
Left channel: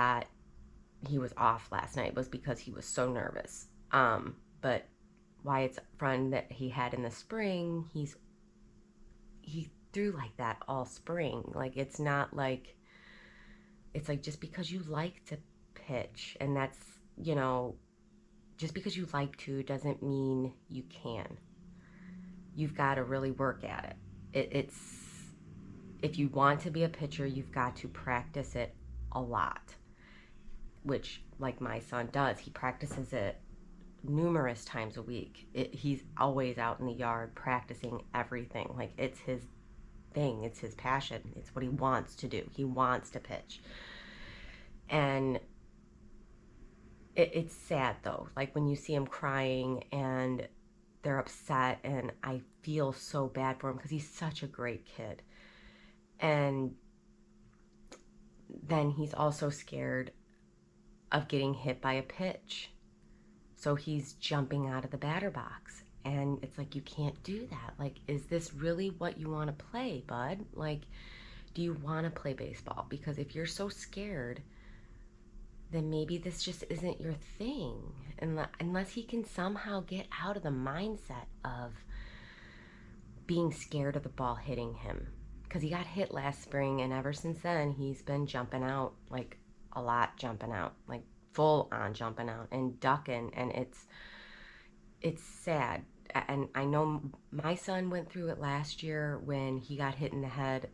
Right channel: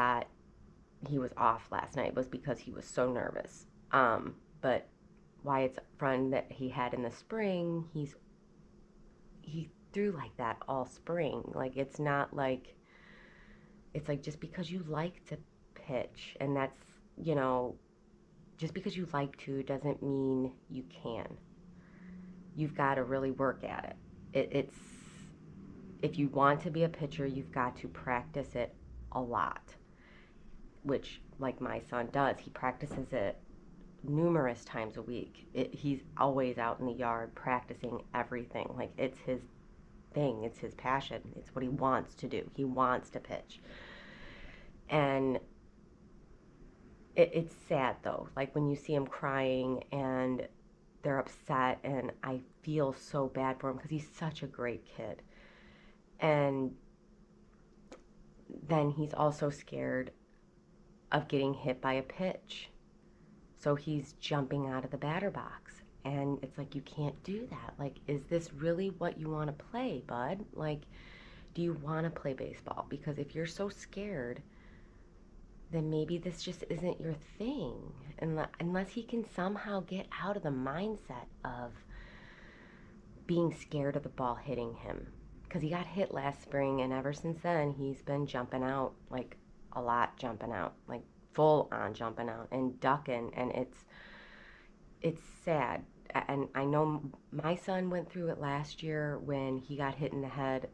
was off last night, was because he was so nervous. But Wyatt's friend that he had in the spring, he threw like that all spring. Like, it's not like, it's like, just because you like to pitch, and that's, just because you like to doesn't mean you can. You've got to really work at it. It's, if you want to be a pitcher, you've got to practice it a lot, which, like my son does. He practices it numerous times a week. He's always out in the yard practicing everything. Like, it's his thing. It's his passion. It's what he wants to do. He wants to pitch. And it's sad, though. Like, when you see him crying and they're upset, and I feel so bad for him because he's such a great kid. And then he's also scared of getting hit by a pitch. So he's jumping out of the batter box. And it's like, you can't do that. Like, is this really what you want to play, bud? Like, do you want to play baseball? Because if you're so scared, then maybe this just isn't your thing. Unless he can somehow get out of the mindset of being scared of the ball hitting him. Because he got hit last spring, and ever since then, he's been jumping out, like, a lot jumping out. Like, full on jumping out and ducking, and it's sad. And I know my son went through it last year when he got hit in the head.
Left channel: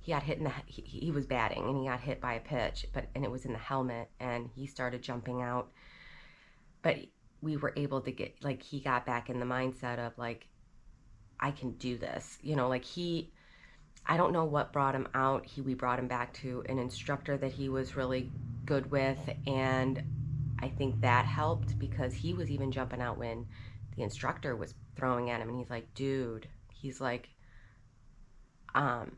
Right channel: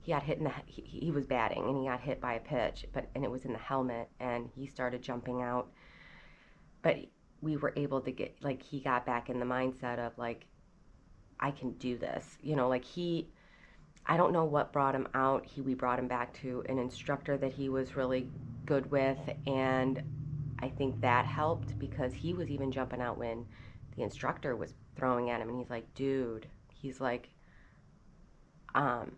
He got hit in the he was batting and he got hit by a pitch, and it was in the helmet, and he started jumping out. But we were able to get, like, he got back in the mindset of like, I can do this. Like, I don't know what brought him out. We brought him back to an instructor that he was really good with, and I think that helped because he was even jumping out when the instructor was throwing at him, and he's like, dude, he's like, um,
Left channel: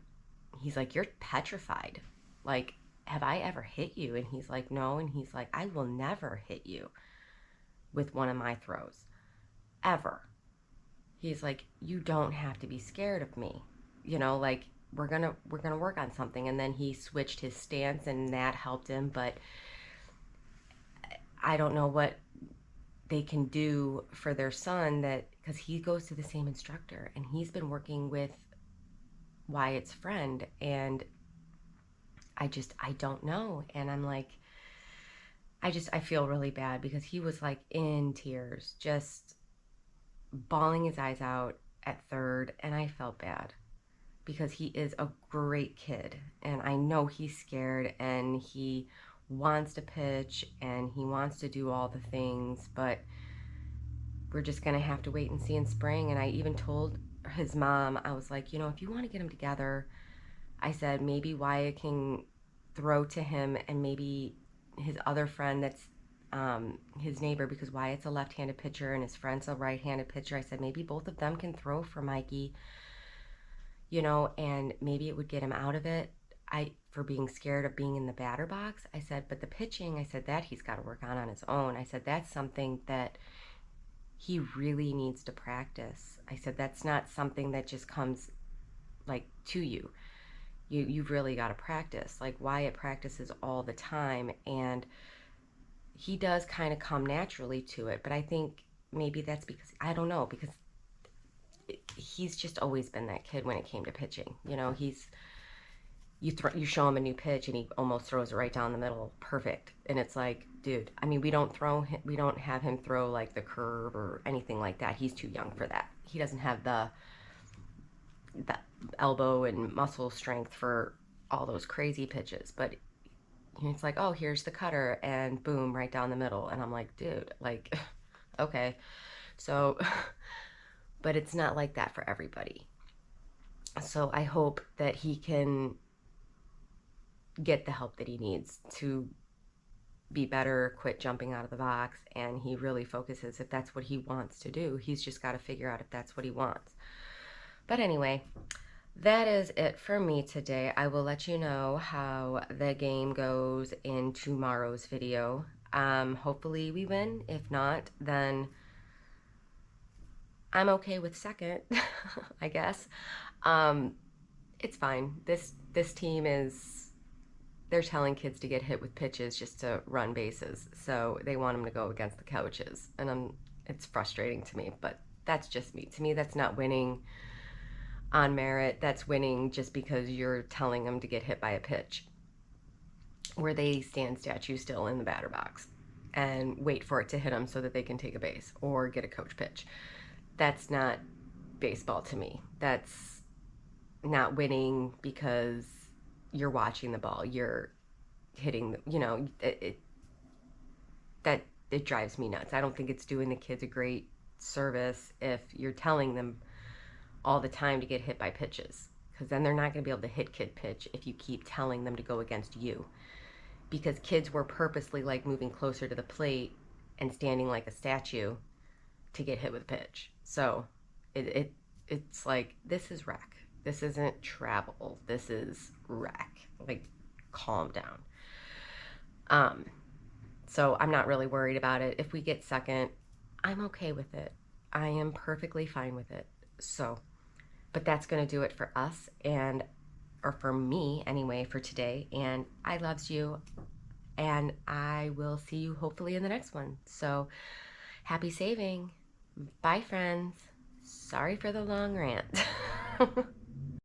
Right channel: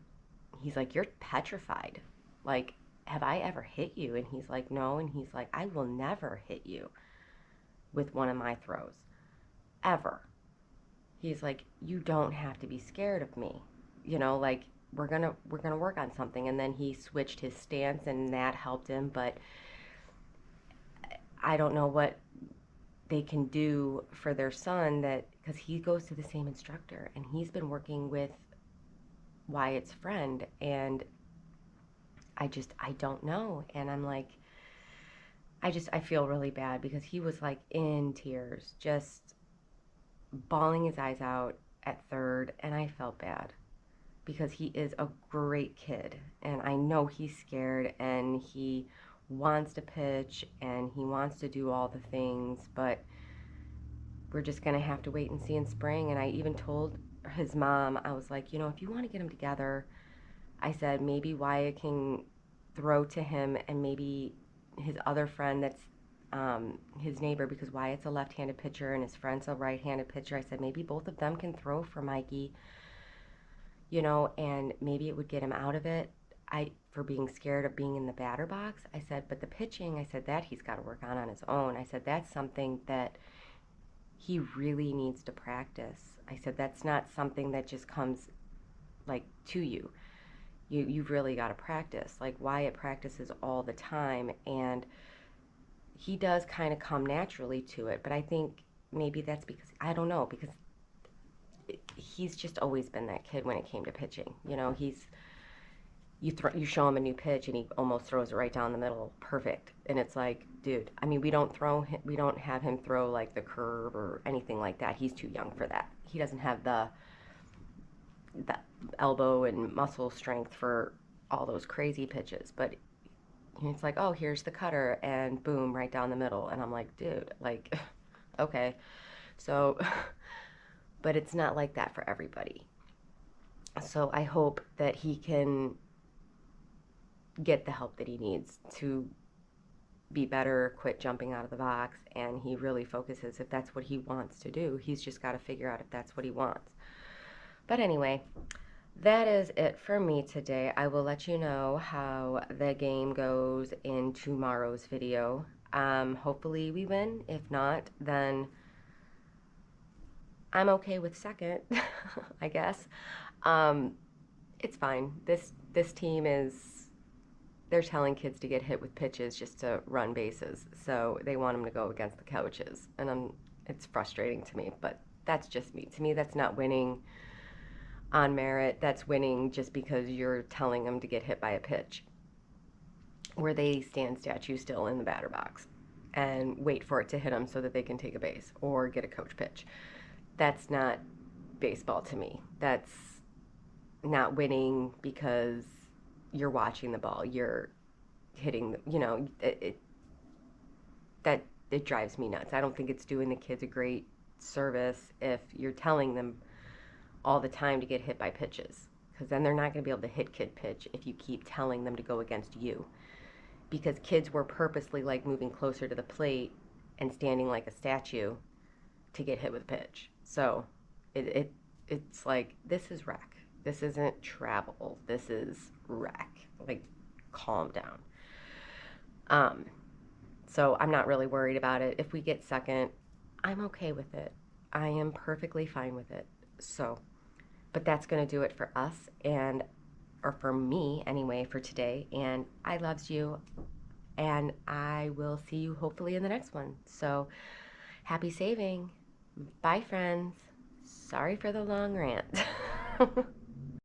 you're petrified. Like, have I ever hit you? And he's like, no. And he's like, I will never hit you with one of my throws, ever. He's like, you don't have to be scared of me. Like, we're gonna work on something. And then he switched his stance, and that helped him. But I don't know what they can do for their son, that because he goes to the same instructor and he's been working with Wyatt's friend, and I don't know. And I'm like, I feel really bad because he was like in tears, just bawling his eyes out at third, and I felt bad because he is a great kid, and I know he's scared, and he wants to pitch, and he wants to do all the things, but we're just going to have to wait and see in spring. And I even told his mom, I was like, if you want to get them together, I said, maybe Wyatt can throw to him, and maybe his other friend that's his neighbor, because Wyatt's a left-handed pitcher and his friend's a right-handed pitcher. I said, maybe both of them can throw for Mikey, and maybe it would get him out of it. For being scared of being in the batter box. I said, but the pitching, I said, that he's got to work on his own. I said, that's something that he really needs to practice. I said, that's not something that just comes like to you. You've really got to practice. Like, Wyatt practices all the time, and he does kind of come naturally to it. But I think maybe that's because, I don't know, because he's just always been that kid when it came to pitching. You show him a new pitch and he almost throws it right down the middle, perfect. And it's like, dude, I mean, we don't have him throw like the curve or anything like that. He's too young for that. He doesn't have the elbow and muscle strength for all those crazy pitches. But it's like, oh, here's the cutter, and boom, right down the middle. And I'm like, dude, like, okay. So, but it's not like that for everybody. So I hope that he can get the help that he needs to be better, quit jumping out of the box, and he really focuses if that's what he wants to do. He's just got to figure out if that's what he wants. But anyway, that is it for me today. I will let you know how the game goes in tomorrow's video. Hopefully we win. If not, then I'm okay with second, I guess. It's fine. This team they're telling kids to get hit with pitches just to run bases. So they want them to go against the coaches. And it's frustrating to me, but that's just me. To me, that's not winning on merit. That's winning just because you're telling them to get hit by a pitch, where they stand statue still in the batter box and wait for it to hit them so that they can take a base or get a coach pitch. That's not baseball to me. That's not winning because you're watching the ball, you're hitting, it drives me nuts. I don't think it's doing the kids a great service if you're telling them all the time to get hit by pitches, because then they're not going to be able to hit kid pitch if you keep telling them to go against you, because kids were purposely like moving closer to the plate and standing like a statue to get hit with a pitch. So it's like, this is rec. This isn't travel. This is rec. Like, calm down. So I'm not really worried about it. If we get second, I'm okay with it. I am perfectly fine with it. So, but that's going to do it for us, or for me anyway, for today. And I loves you, and I will see you hopefully in the next one. So happy saving. Bye, friends. Sorry for the long rant.